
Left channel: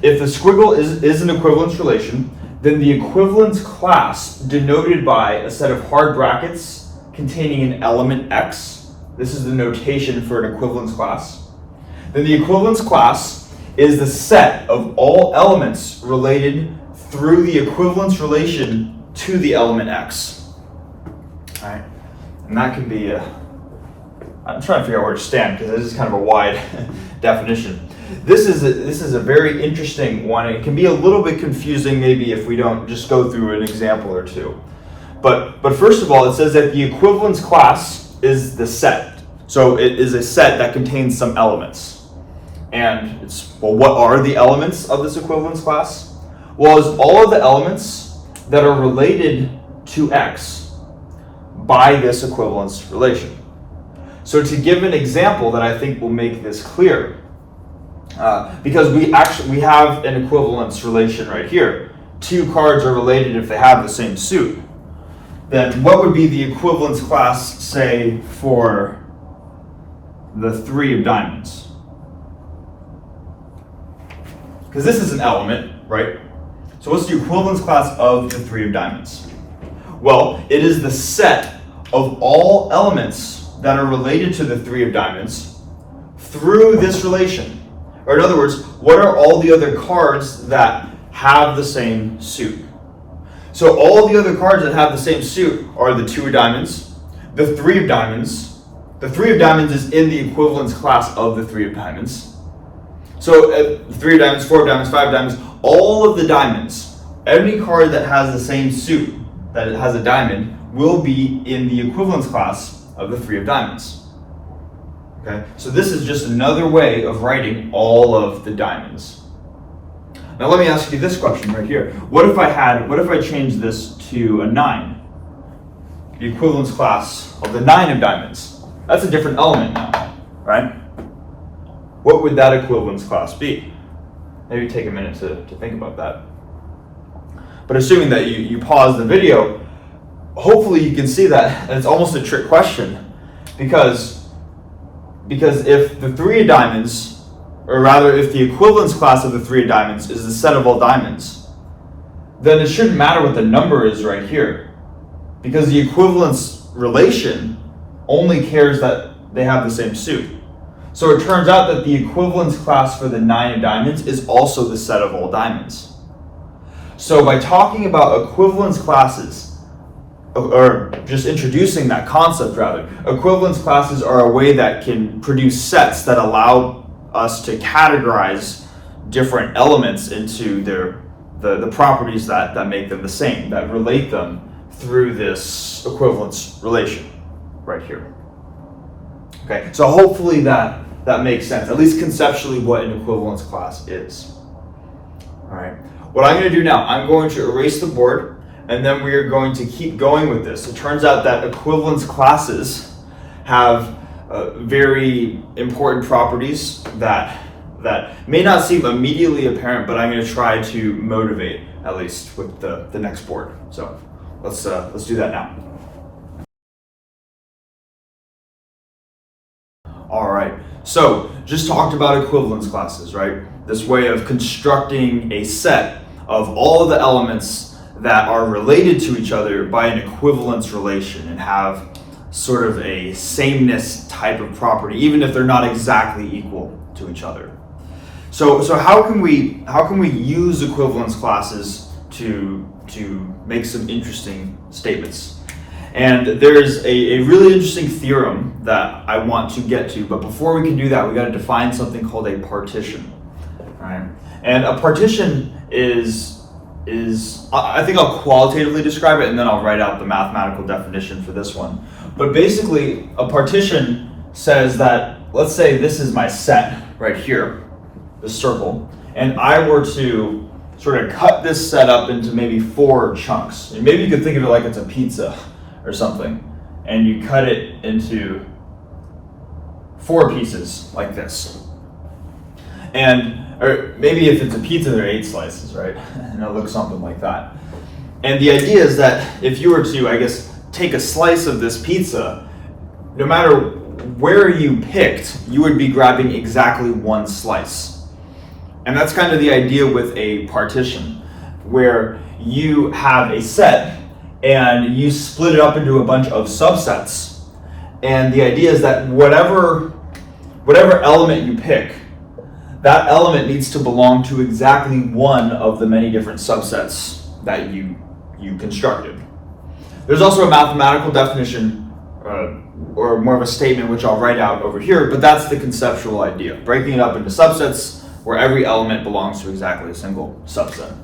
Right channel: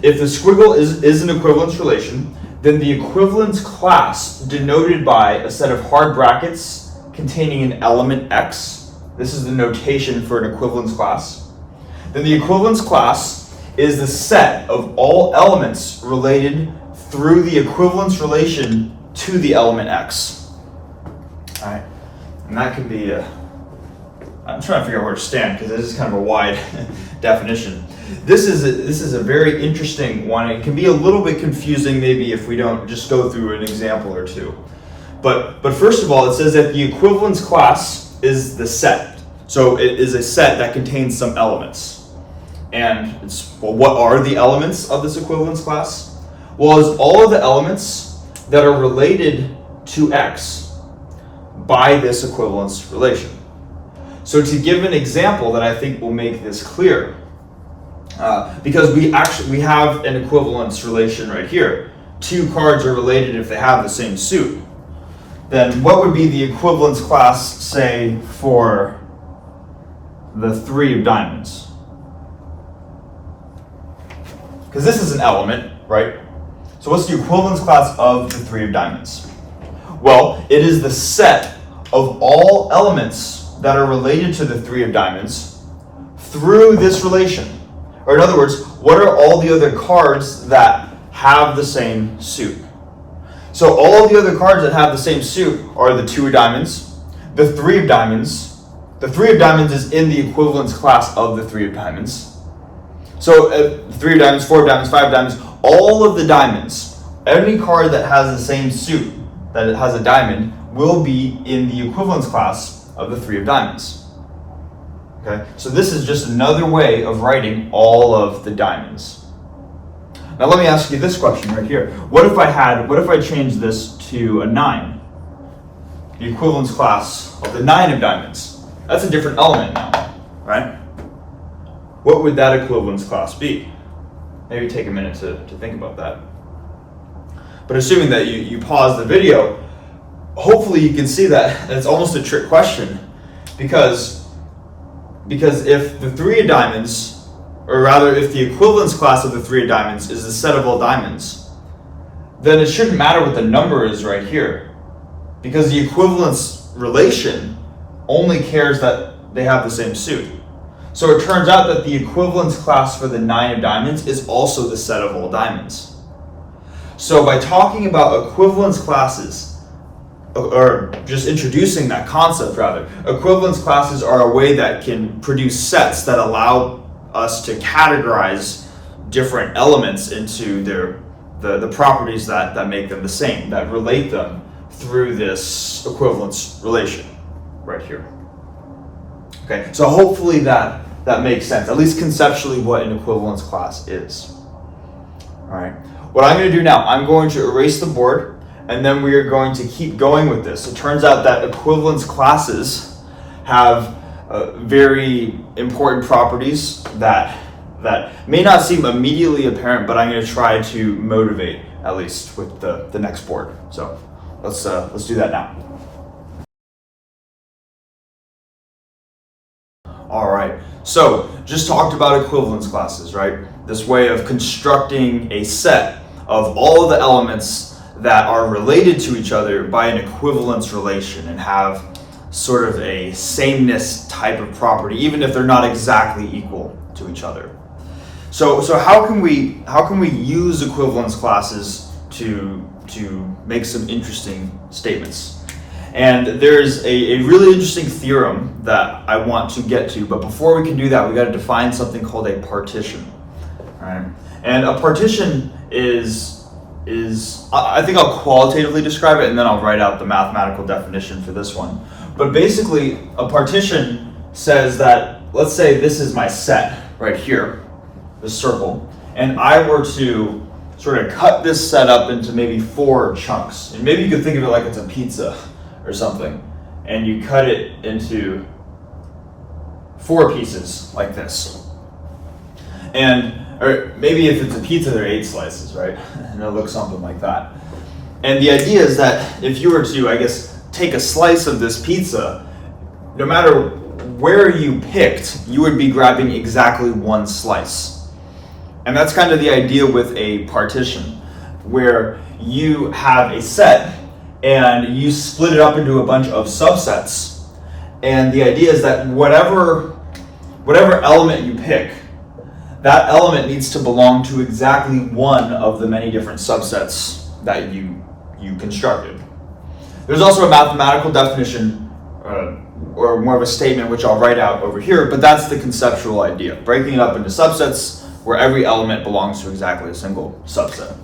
if the squiggle is an equivalence relation, then the equivalence class denoted by a set of hard brackets containing an element x, this is the notation for an equivalence class, then the equivalence class is the set of all elements related through the equivalence relation to the element x. All right, and that could be I'm trying to figure out where to stand because this is kind of a wide definition. This is a very interesting one. It can be a little bit confusing maybe if we don't just go through an example or two. But first of all, it says that the equivalence class is the set. So it is a set that contains some elements. And what are the elements of this equivalence class? Well, it's all of the elements that are related to x by this equivalence relation. So to give an example that I think will make this clear, because we have an equivalence relation right here. 2 cards are related if they have the same suit. Then what would be the equivalence class, say, for the 3 of diamonds? Because this is an element, right? So what's the equivalence class of the 3 of diamonds? Well, it is the set of all elements that are related to the 3 of diamonds through this relation. Or in other words, what are all the other cards that have the same suit? So all the other cards that have the same suit are the 2 of diamonds, the 3 of diamonds. The 3 of diamonds is in the equivalence class of the 3 of diamonds. So 3 of diamonds, 4 of diamonds, 5 of diamonds, all of the diamonds, any card that has the same suit that it has a diamond will be in the equivalence class of the 3 of diamonds. Okay, so this is just another way of writing all of the diamonds. Now let me ask you this question right here. What if I changed this to a 9? The equivalence class of the 9 of diamonds. That's a different element now, right? What would that equivalence class be? Maybe take a minute to think about that. But assuming that you pause the video, hopefully you can see that it's almost a trick question, because if the 3 of diamonds, or rather if the equivalence class of the 3 of diamonds is the set of all diamonds, then it shouldn't matter what the number is right here, because the equivalence relation only cares that they have the same suit. So it turns out that the equivalence class for the 9 of diamonds is also the set of all diamonds. So by talking about equivalence classes, or just introducing that concept rather, equivalence classes are a way that can produce sets that allow us to categorize different elements into the properties that make them the same, that relate them through this equivalence relation right here. Okay, so hopefully that makes sense, at least conceptually what an equivalence class is. All right, what I'm going to do now, I'm going to erase the board, and then we are going to keep going with this. It turns out that equivalence classes have very important properties that may not seem immediately apparent, but I'm going to try to motivate at least with the next board. So let's do that now. All right, so just talked about equivalence classes, right? This way of constructing a set of all the elements that are related to each other by an equivalence relation and have sort of a sameness type of property, even if they're not exactly equal to each other. So how can we use equivalence classes to make some interesting statements? And there's a really interesting theorem that I want to get to, but before we can do that, we got to define something called a partition. Right? And a partition is I think I'll qualitatively describe it, and then I'll write out the mathematical definition for this one. But basically, a partition says that, let's say this is my set right here, this circle, and I were to sort of cut this set up into maybe 4 chunks. And maybe you could think of it like it's a pizza or something, and you cut it into 4 pieces like this. Or maybe if it's a pizza, there are 8 slices, right? And it'll look something like that. And the idea is that if you were to, I guess, take a slice of this pizza, no matter where you picked, you would be grabbing exactly 1 slice. And that's kind of the idea with a partition, where you have a set and you split it up into a bunch of subsets. And the idea is that whatever element you pick, that element needs to belong to exactly one of the many different subsets that you constructed. There's also a mathematical definition, or more of a statement, which I'll write out over here, but that's the conceptual idea, breaking it up into subsets where every element belongs to exactly a single subset.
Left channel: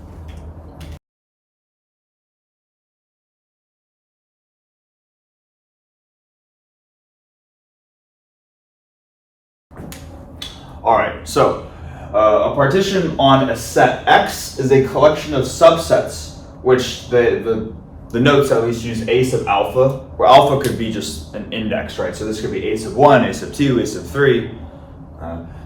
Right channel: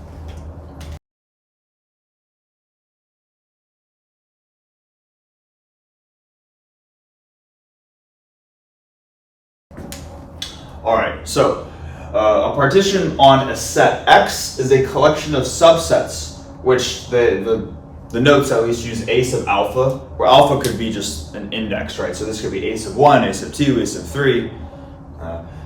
All right, so a partition on a set X is a collection of subsets, which the notes at least use a sub alpha, where alpha could be just an index, right? So this could be a sub 1, a sub 2, a sub 3.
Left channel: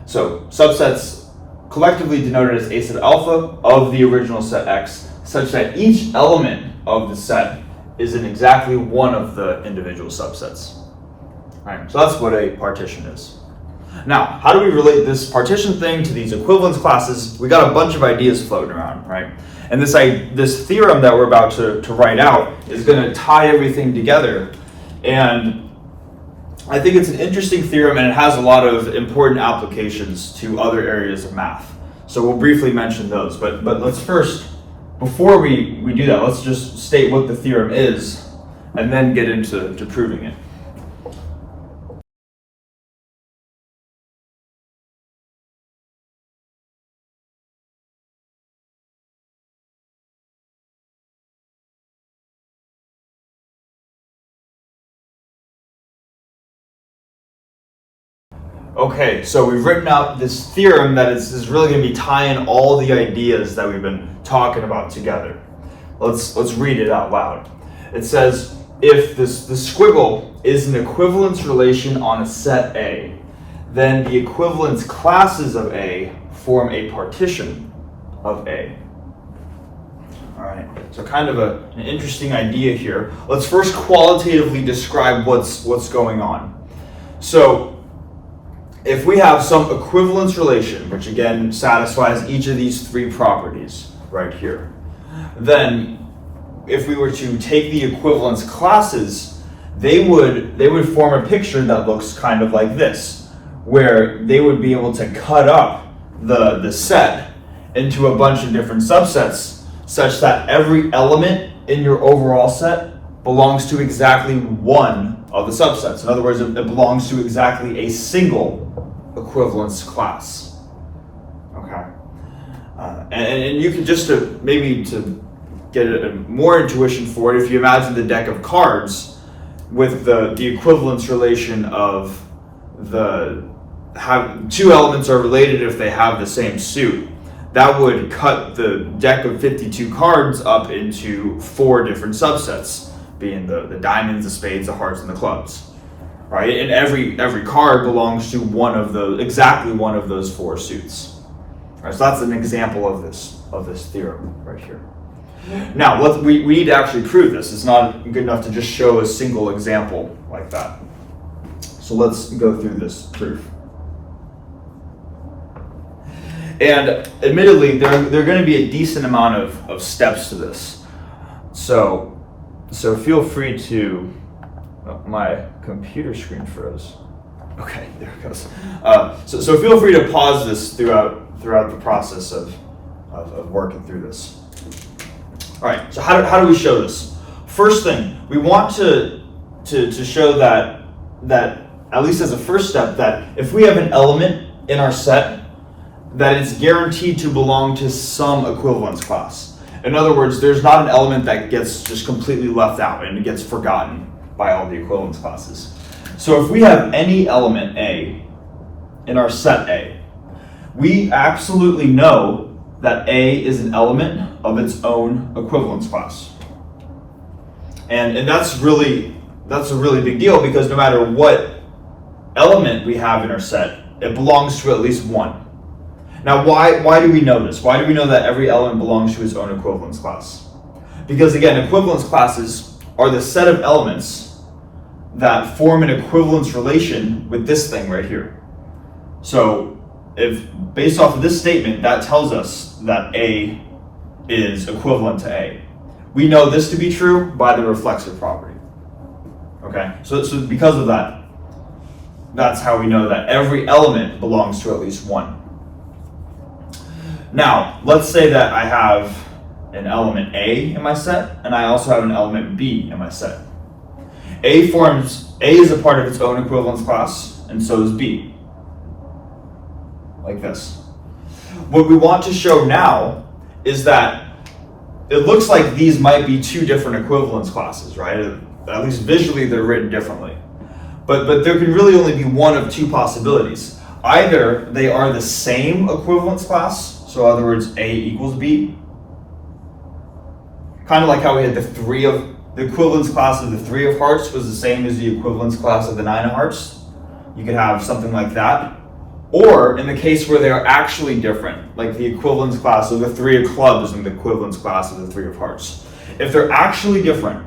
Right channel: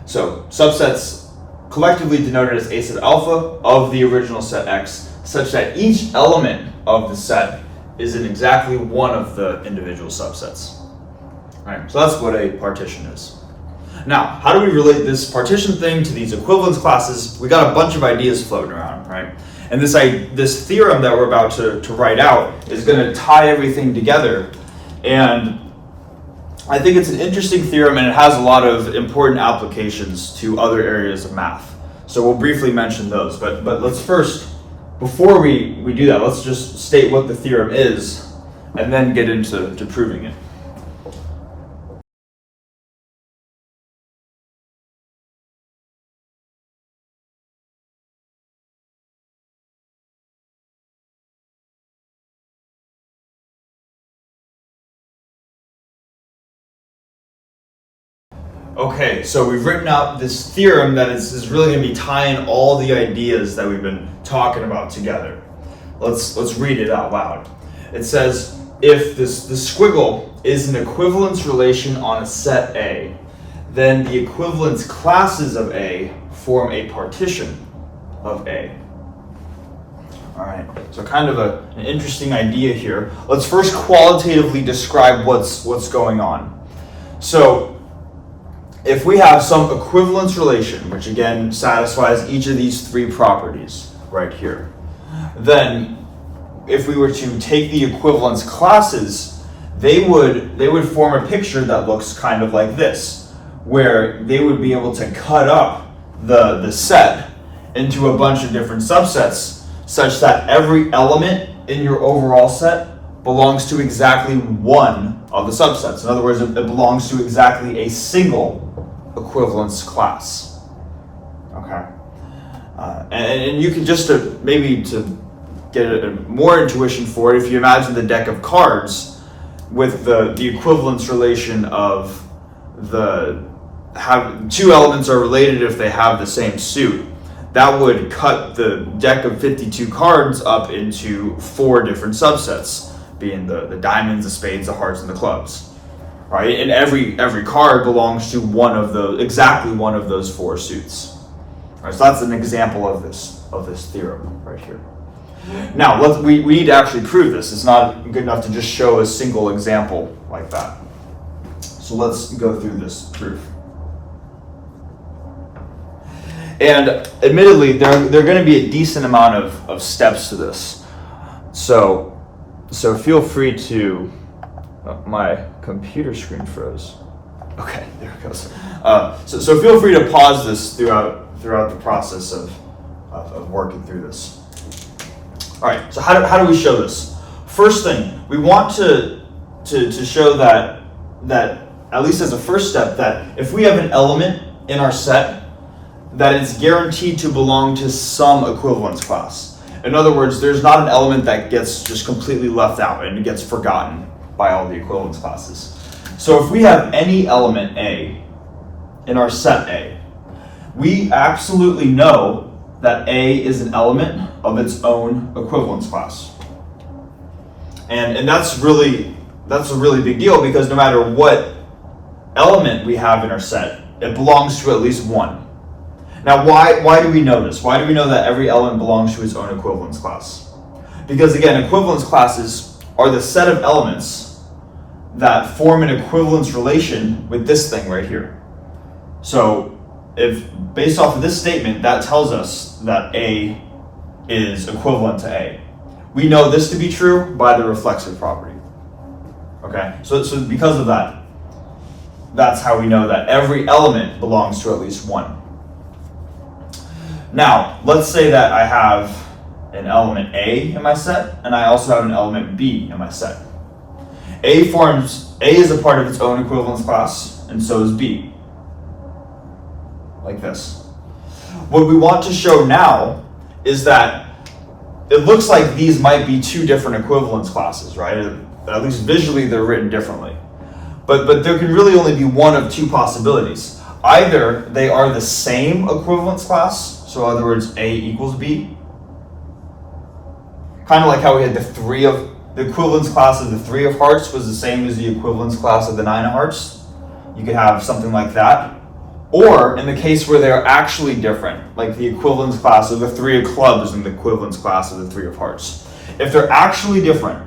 So subsets collectively denoted as a sub alpha of the original set X, such that each element of the set is in exactly one of the individual subsets. All right, so that's what a partition is. Now, how do we relate this partition thing to these equivalence classes? We got a bunch of ideas floating around, right? And this theorem that we're about to write out is going to tie everything together. And I think it's an interesting theorem, and it has a lot of important applications to other areas of math. So we'll briefly mention those. But let's first, before we do that, let's just state what the theorem is, and then get into proving it. Okay, so we've written out this theorem that is really going to be tying all the ideas that we've been talking about together. Let's read it out loud. It says, if the squiggle is an equivalence relation on a set A, then the equivalence classes of A form a partition of A. All right, so kind of an interesting idea here. Let's first qualitatively describe what's going on. So if we have some equivalence relation, which again satisfies each of these three properties right here, then if we were to take the equivalence classes, they would form a picture that looks kind of like this, where they would be able to cut up the set into a bunch of different subsets, such that every element in your overall set belongs to exactly one of the subsets. In other words, it belongs to exactly a single equivalence class. Okay, and you can just maybe to get more intuition for it, if you imagine the deck of cards with the equivalence relation of two elements are related if they have the same suit, that would cut the deck of 52 cards up into 4 different subsets, being the diamonds, the spades, the hearts, and the clubs. Right? And every card belongs to exactly one of those 4 suits. Right? So that's an example of this theorem right here. Now we need to actually prove this. It's not good enough to just show a single example like that. So let's go through this proof. And admittedly, there are going to be a decent amount of steps to this. So feel free to. My computer screen froze. Okay, there it goes. So feel free to pause this throughout the process of working through this. All right. So how do we show this? First thing, we want to show that at least as a first step, that if we have an element in our set, that it's guaranteed to belong to some equivalence class. In other words, there's not an element that gets just completely left out and it gets forgotten by all the equivalence classes. So if we have any element A in our set A, we absolutely know that A is an element of its own equivalence class. And that's a really big deal, because no matter what element we have in our set, it belongs to at least one. Now why do we know this? Why do we know that every element belongs to its own equivalence class? Because again, equivalence classes are the set of elements that form an equivalence relation with this thing right here. So if based off of this statement, that tells us that A is equivalent to A. We know this to be true by the reflexive property. Okay, so because of that, that's how we know that every element belongs to at least one. Now, let's say that I have an element A in my set, and I also have an element B in my set. A is a part of its own equivalence class, and so is B. Like this. What we want to show now is that it looks like these might be 2 different equivalence classes, right? At least visually they're written differently. But there can really only be one of 2 possibilities. Either they are the same equivalence class, so in other words, A equals B. Kind of like how we had the equivalence class of the 3 of hearts was the same as the equivalence class of the 9 of hearts. You could have something like that. Or in the case where they are actually different, like the equivalence class of the 3 of clubs and the equivalence class of the 3 of hearts. If they're actually different,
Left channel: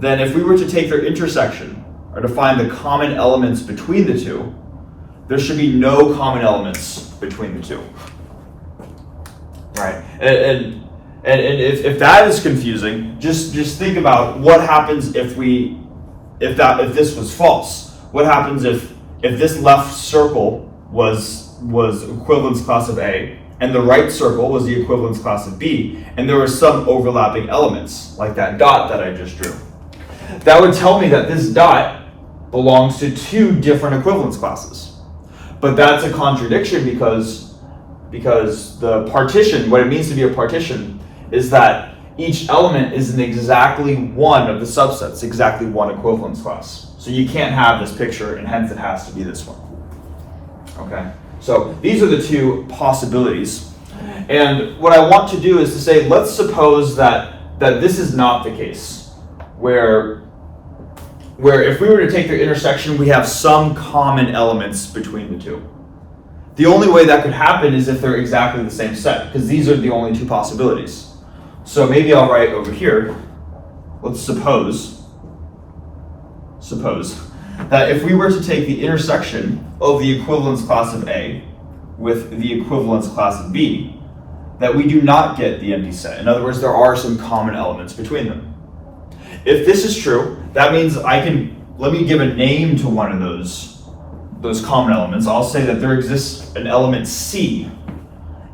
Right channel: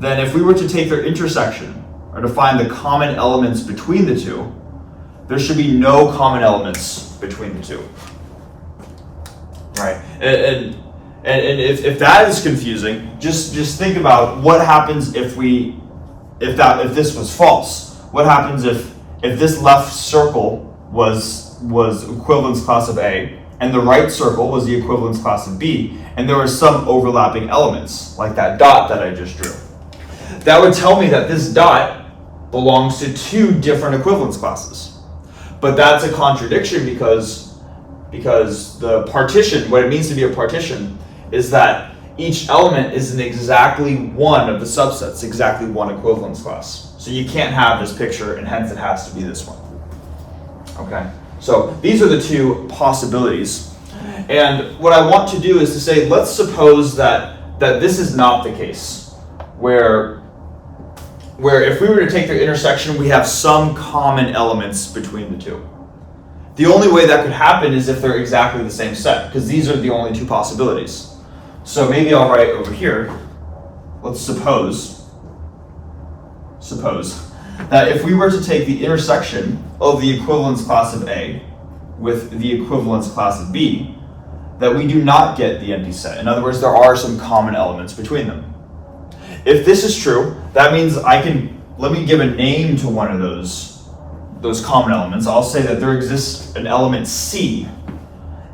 then if we were to take their intersection, or to find the common elements between the 2, there should be no common elements between the 2. Right? And if that is confusing, just think about what happens if this was false. What happens if this left circle was equivalence class of A, and the right circle was the equivalence class of B, and there were some overlapping elements, like that dot that I just drew? That would tell me that this dot belongs to 2 different equivalence classes. But that's a contradiction because the partition, what it means to be a partition, is that each element is in exactly one of the subsets, exactly one equivalence class. So you can't have this picture, and hence it has to be this one. Okay, so these are the two possibilities. And what I want to do is to say, let's suppose that this is not the case, where if we were to take their intersection, we have some common elements between the two. The only way that could happen is if they're exactly the same set, because these are the only two possibilities. So maybe I'll write over here, let's suppose that if we were to take the intersection of the equivalence class of A with the equivalence class of B, that we do not get the empty set. In other words, there are some common elements between them. If this is true, that means let me give a name to one of those common elements. I'll say that there exists an element C,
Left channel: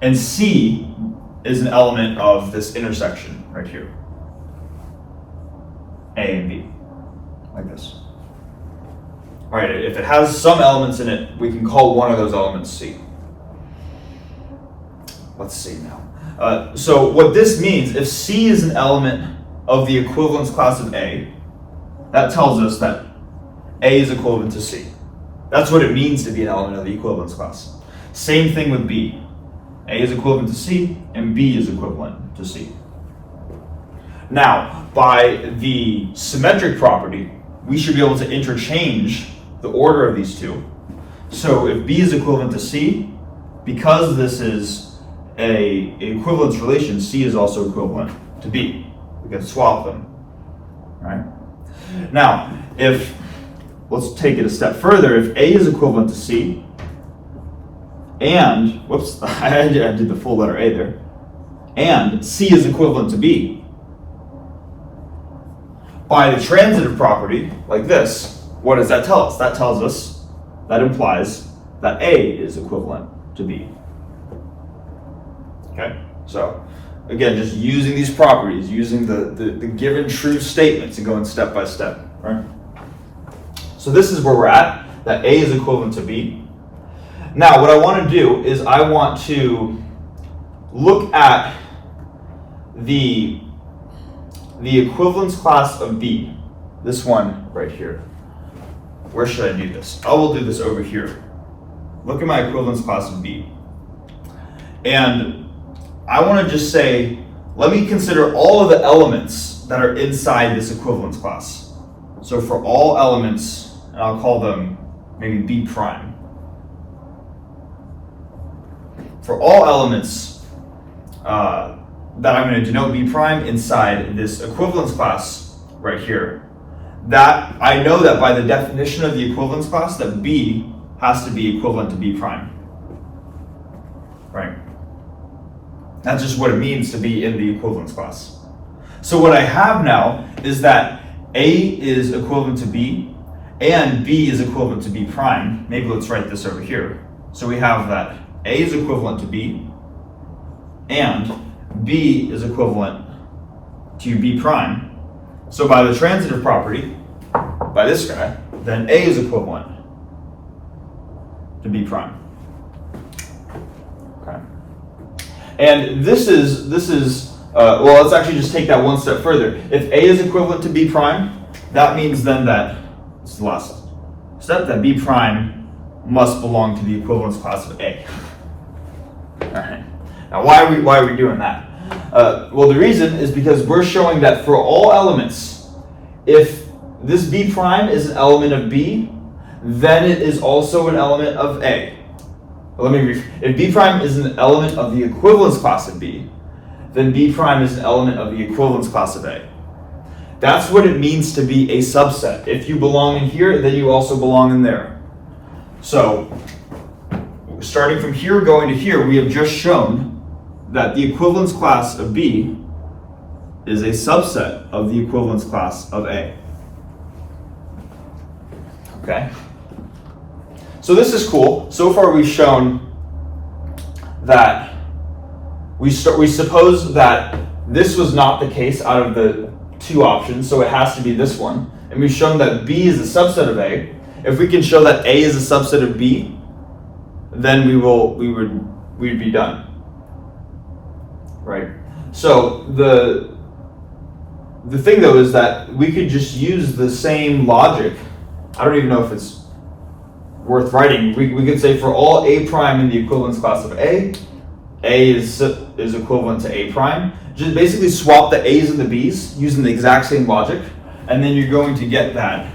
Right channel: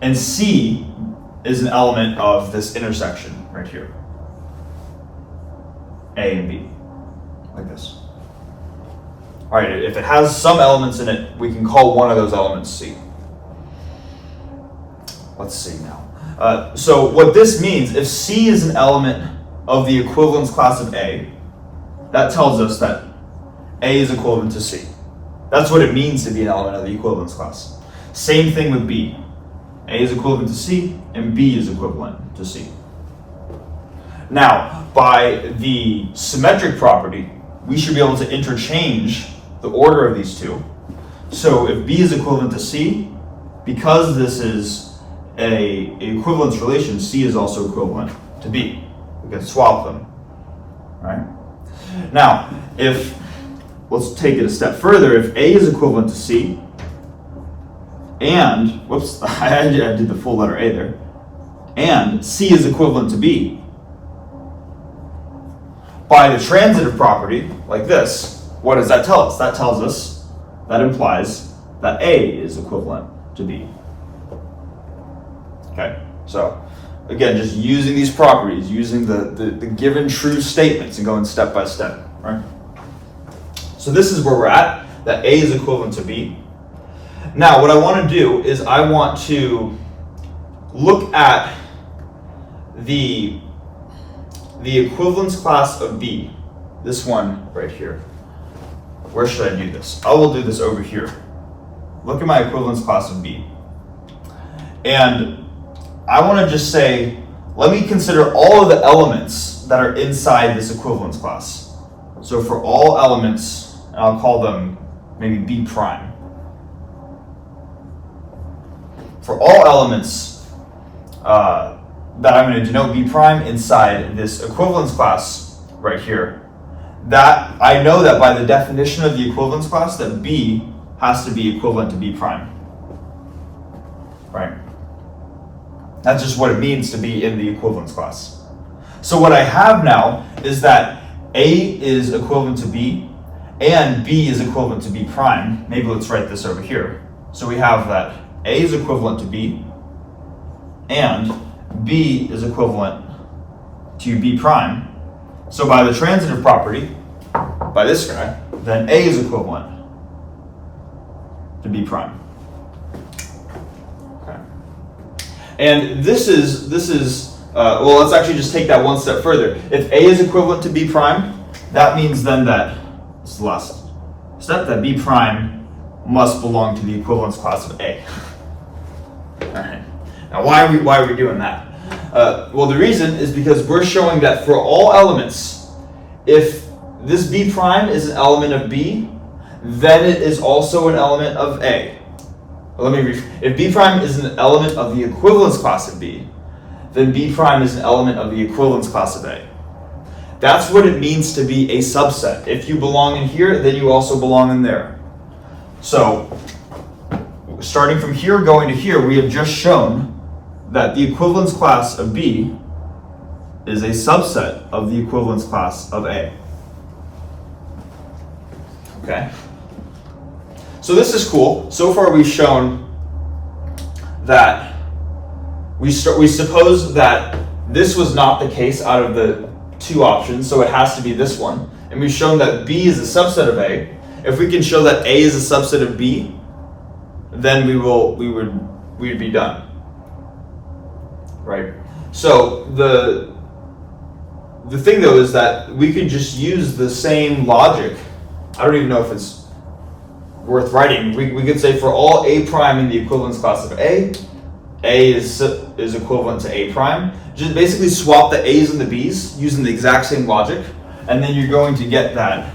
and C is an element of this intersection right here, A and B, like this. All right, if it has some elements in it, we can call one of those elements C. Let's see now. So what this means, if C is an element of the equivalence class of A, that tells us that A is equivalent to C. That's what it means to be an element of the equivalence class. Same thing with B. A is equivalent to C, and B is equivalent to C. Now, by the symmetric property, we should be able to interchange the order of these two. So if B is equivalent to C, because this is an equivalence relation, C is also equivalent to B. We can swap them, right? Now, let's take it a step further. If A is equivalent to C, and, whoops, I did the full letter A there, and C is equivalent to B, by the transitive property, like this, what does that tell us? That tells us, that implies that A is equivalent to B. Okay, so again, just using these properties, using the given true statements and going step by step, right? So this is where we're at, that A is equivalent to B. Now, what I want to do is I want to look at the equivalence class of B, this one right here. Where should I do this? I will do this over here. Look at my equivalence class of B. And I want to just say, let me consider all of the elements that are inside this equivalence class. So for all elements, and I'll call them maybe B prime. For all elements that I'm going to denote B prime inside this equivalence class right here, that I know that by the definition of the equivalence class that B has to be equivalent to B prime, right? That's just what it means to be in the equivalence class. So what I have now is that A is equivalent to B and B is equivalent to B prime. Maybe let's write this over here. So we have that A is equivalent to B and B is equivalent to B prime. So by the transitive property, by this guy, then A is equivalent to B prime. Okay. And this is well, let's actually just take that one step further. If A is equivalent to B prime, that means then that, this is the last step, that B prime must belong to the equivalence class of A. All right. Now, why are we doing that? Well, the reason is because we're showing that for all elements, if this B prime is an element of B, then it is also an element of A. If B prime is an element of the equivalence class of B, then B prime is an element of the equivalence class of A. That's what it means to be a subset. If you belong in here, then you also belong in there. So, starting from here going to here, we have just shown that the equivalence class of B is a subset of the equivalence class of A. Okay? So this is cool. So far we've shown that we suppose that this was not the case out of the two options, so it has to be this one. And we've shown that B is a subset of A. If we can show that A is a subset of B, then we'd be done. Right? So the thing though is that we could just use the same logic. I don't even know if it's worth writing, we could say for all A prime in the equivalence class of A is equivalent to A prime. Just basically swap the A's and the B's using the exact same logic, and then you're going to get that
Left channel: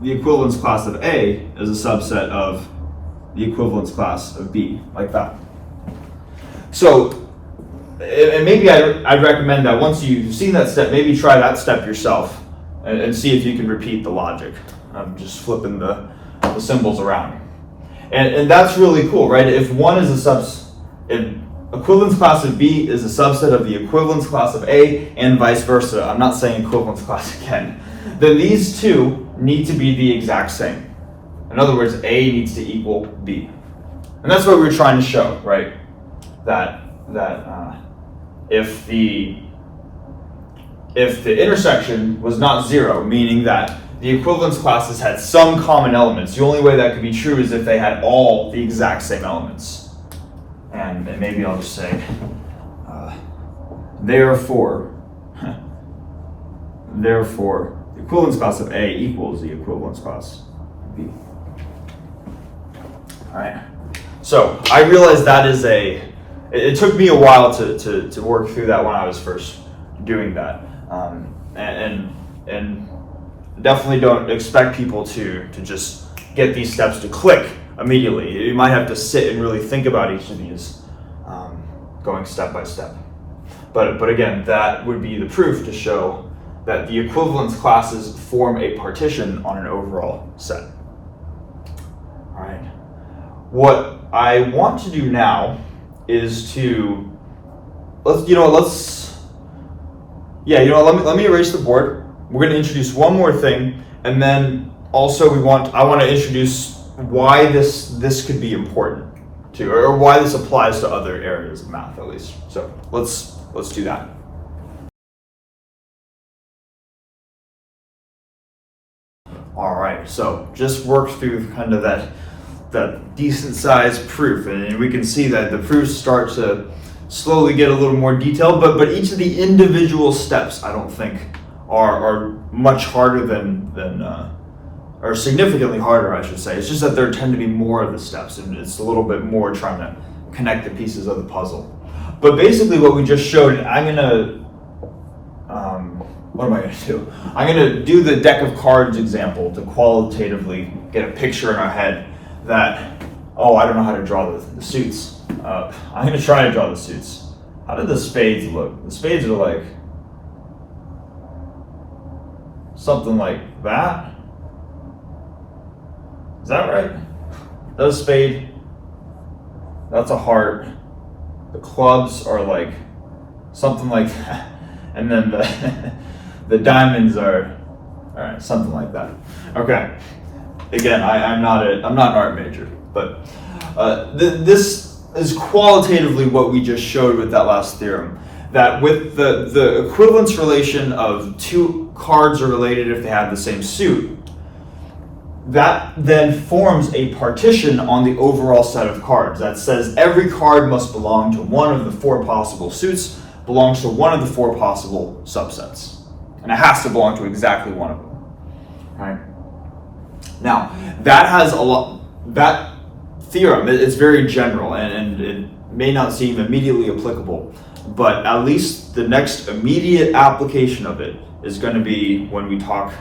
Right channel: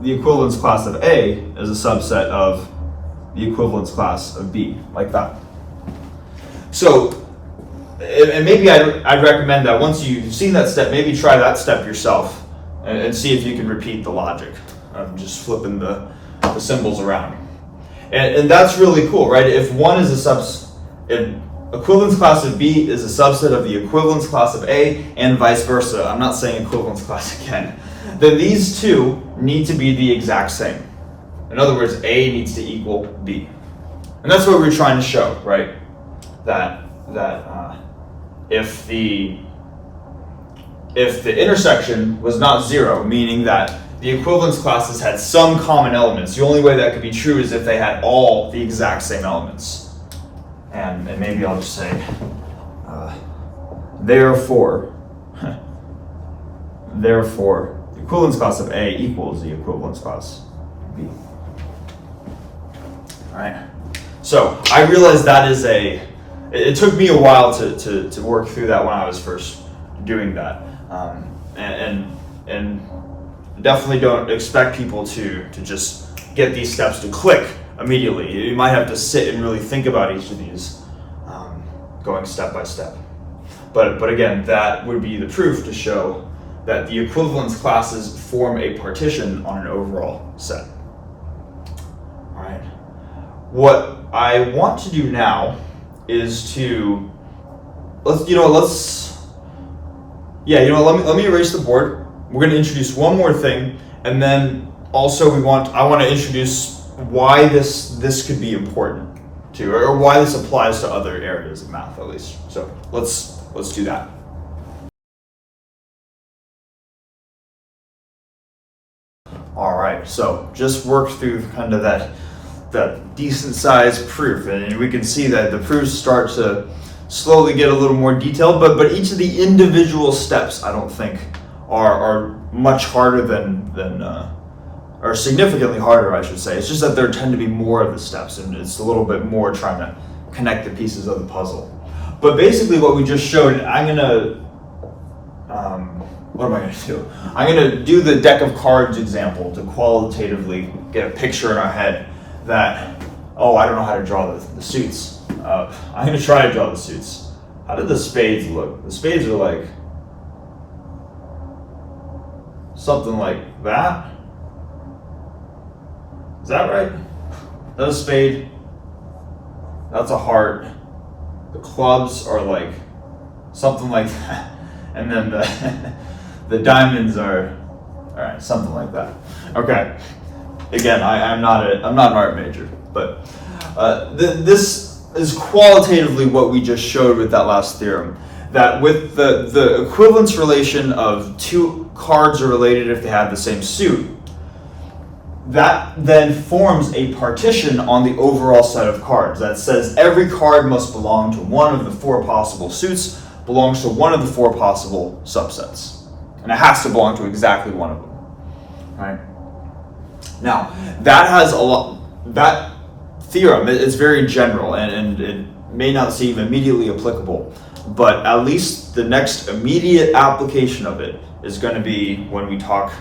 the equivalence class of A is a subset of the equivalence class of B, like that. So, and maybe I'd recommend that once you've seen that step, maybe try that step yourself and see if you can repeat the logic. I'm just flipping the symbols around. And that's really cool, right? If one is if equivalence class of B is a subset of the equivalence class of A and vice versa, I'm not saying equivalence class again, then these two need to be the exact same. In other words, A needs to equal B. And that's what we were trying to show, right? That if the intersection was not zero, meaning that the equivalence classes had some common elements, the only way that could be true is if they had all the exact same elements. And maybe I'll just say, therefore, the equivalence class of A equals the equivalence class of B. All right. So I realized that is it took me a while to work through that when I was first doing that. And definitely don't expect people to just get these steps to click immediately. You might have to sit and really think about each of these, going step by step. But again, that would be the proof to show that the equivalence classes form a partition on an overall set. All right. What I want to do now is let me erase the board. We're going to introduce one more thing, and then also I want to introduce why this could be important to, or why this applies to other areas of math at least. So let's do that. All right, so just work through kind of that decent sized proof, and we can see that the proofs start to slowly get a little more detailed, but each of the individual steps I don't think are much harder or significantly harder, I should say. It's just that there tend to be more of the steps, and it's a little bit more trying to connect the pieces of the puzzle. But basically what we just showed, what am I going to do? I'm going to do the deck of cards example to qualitatively get a picture in our head that, I don't know how to draw the suits. I'm going to try to draw the suits. How did the spades look? The spades are like something like that. Is that right? That's a spade. That's a heart. The clubs are like something like that. And then the diamonds are, all right, something like that. Okay. Again, I'm not an art major, but this is qualitatively what we just showed with that last theorem. That with the equivalence relation of two cards are related if they have the same suit, that then forms a partition on the overall set of cards that says every card must belong to one of the four possible suits, belongs to one of the four possible subsets. And it has to belong to exactly one of them. Right? Now, that theorem, it's very general and it may not seem immediately applicable, but at least the next immediate application of it is going to be when we talk,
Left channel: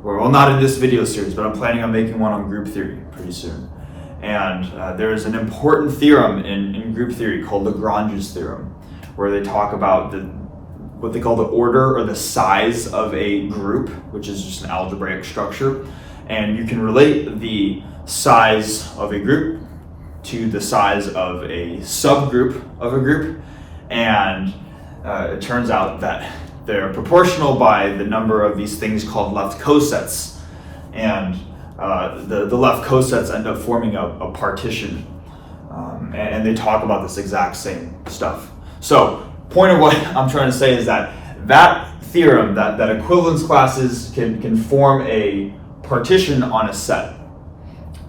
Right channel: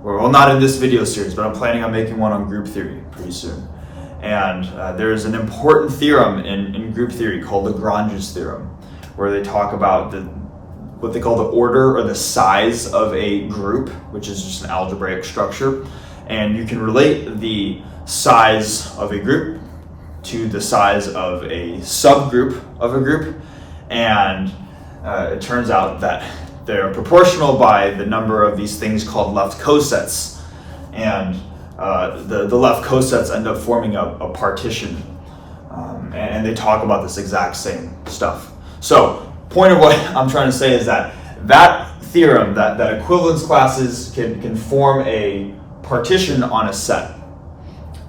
well, not in this video series, but I'm planning on making one on group theory pretty soon. And there's an important theorem in group theory called Lagrange's theorem, where they talk about what they call the order or the size of a group, which is just an algebraic structure. And you can relate the size of a group to the size of a subgroup of a group. And it turns out that they're proportional by the number of these things called left cosets. And the left cosets end up forming a partition. And they talk about this exact same stuff. So, point of what I'm trying to say is that theorem, that equivalence classes can form a partition on a set,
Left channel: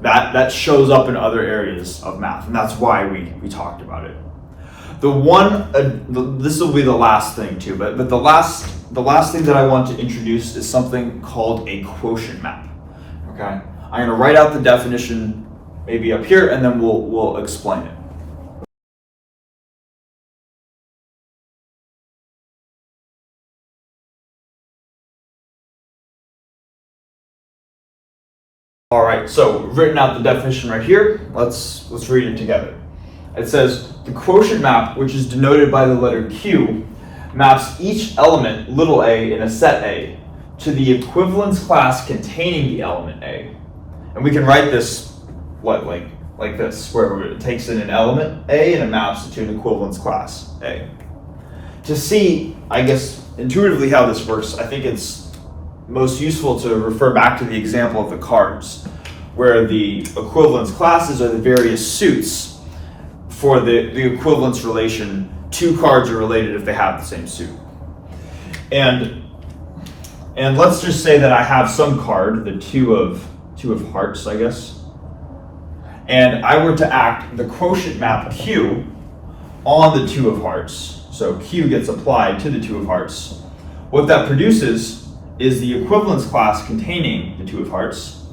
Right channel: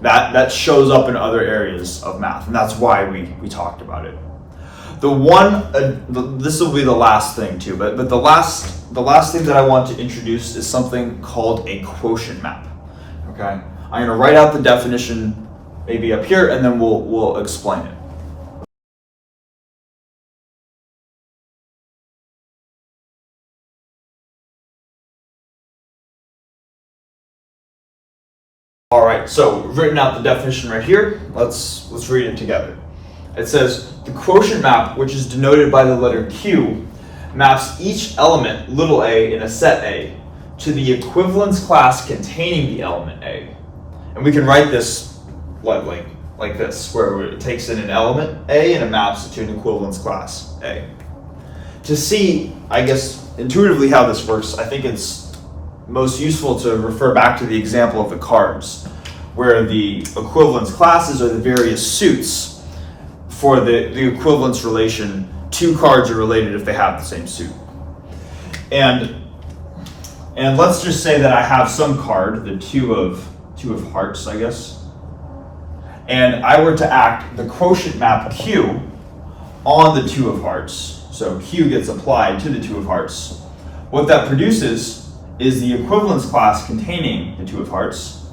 that shows up in other areas of math, and that's why we talked about it. This will be the last thing too, but the last thing that I want to introduce is something called a quotient map. Okay, I'm going to write out the definition maybe up here, and then we'll explain it. All right, so written out the definition right here. Let's read it together. It says the quotient map, which is denoted by the letter Q, maps each element little a in a set A to the equivalence class containing the element A. And we can write this like this, where it takes in an element A and it maps it to an equivalence class A. To see, I guess, intuitively how this works, I think it's most useful to refer back to the example of the cards, where the equivalence classes are the various suits for the equivalence relation. Two cards are related if they have the same suit. And let's just say that I have some card, the two of hearts, I guess, and I were to act the quotient map Q on the two of hearts. So Q gets applied to the two of hearts. What that produces is the equivalence class containing the two of hearts.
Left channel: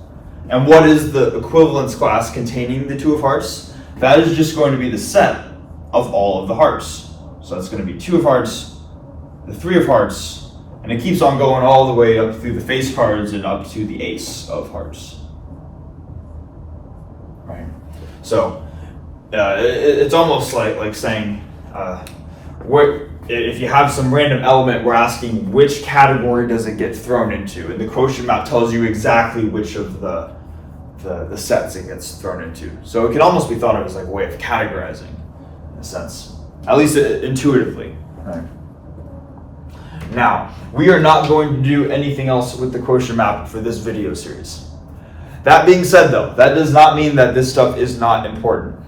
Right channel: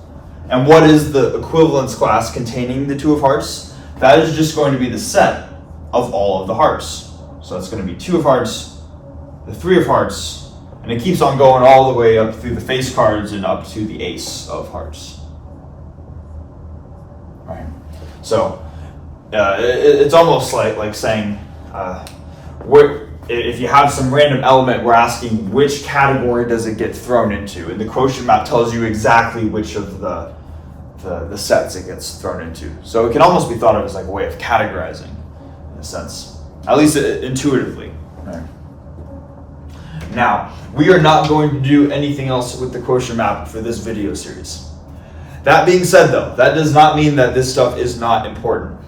And what is the equivalence class containing the two of hearts? That is just going to be the set of all of the hearts. So it's going to be two of hearts, the three of hearts, and it keeps on going all the way up through the face cards and up to the ace of hearts. Right. So it's almost like saying, if you have some random element, we're asking which category does it get thrown into, and the quotient map tells you exactly which of the sets it gets thrown into. So it can almost be thought of as like a way of categorizing, in a sense, at least intuitively. Right. Now, we are not going to do anything else with the quotient map for this video series. That being said, though, that does not mean that this stuff is not important.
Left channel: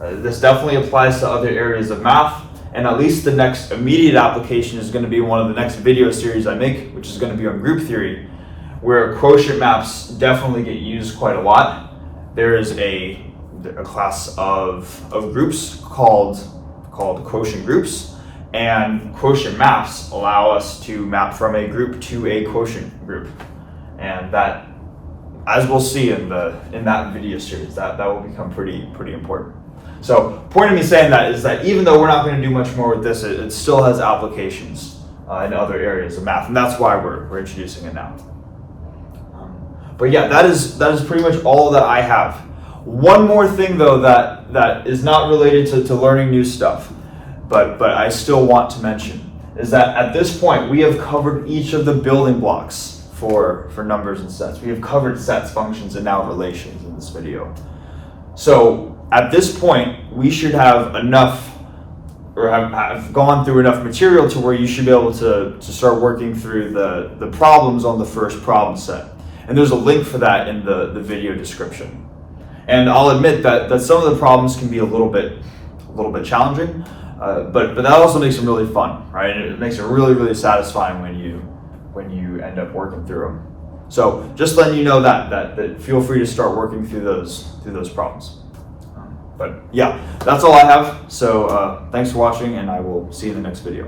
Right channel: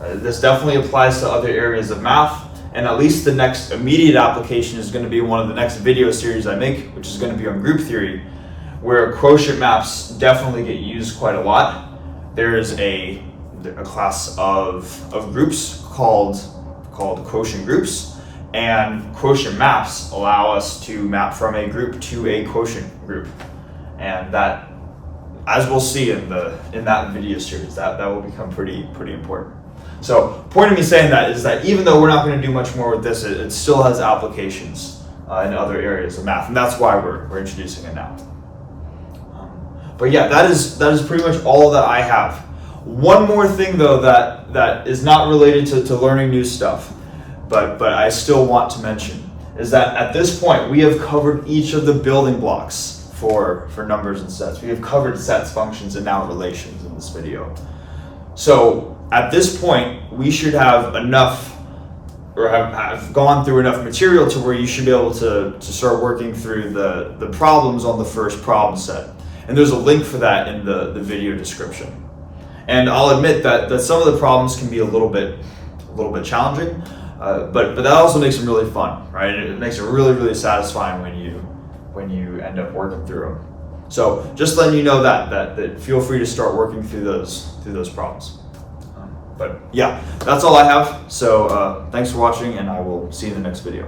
This definitely applies to other areas of math. And at least the next immediate application is going to be one of the next video series I make, which is going to be on group theory, where quotient maps definitely get used quite a lot. There is a class of groups called quotient groups, and quotient maps allow us to map from a group to a quotient group. And that, as we'll see in that video series, that will become pretty important. So, point of me saying that is that even though we're not going to do much more with this, it still has applications in other areas of math, and that's why we're introducing it now. But yeah, that is pretty much all that I have. One more thing though that is not related to learning new stuff, but I still want to mention, is that at this point we have covered each of the building blocks for numbers and sets. We have covered sets, functions, and now relations in this video. So at this point, we should have enough, or have gone through enough material to where you should be able to start working through the problems on the first problem set. And there's a link for that in the video description. And I'll admit that some of the problems can be a little bit challenging, but that also makes them really fun, right? It makes it really satisfying when you end up working through them. So just letting you know that feel free to start working through those problems. But yeah, that's all I have. So thanks for watching, and I will see you in the next video.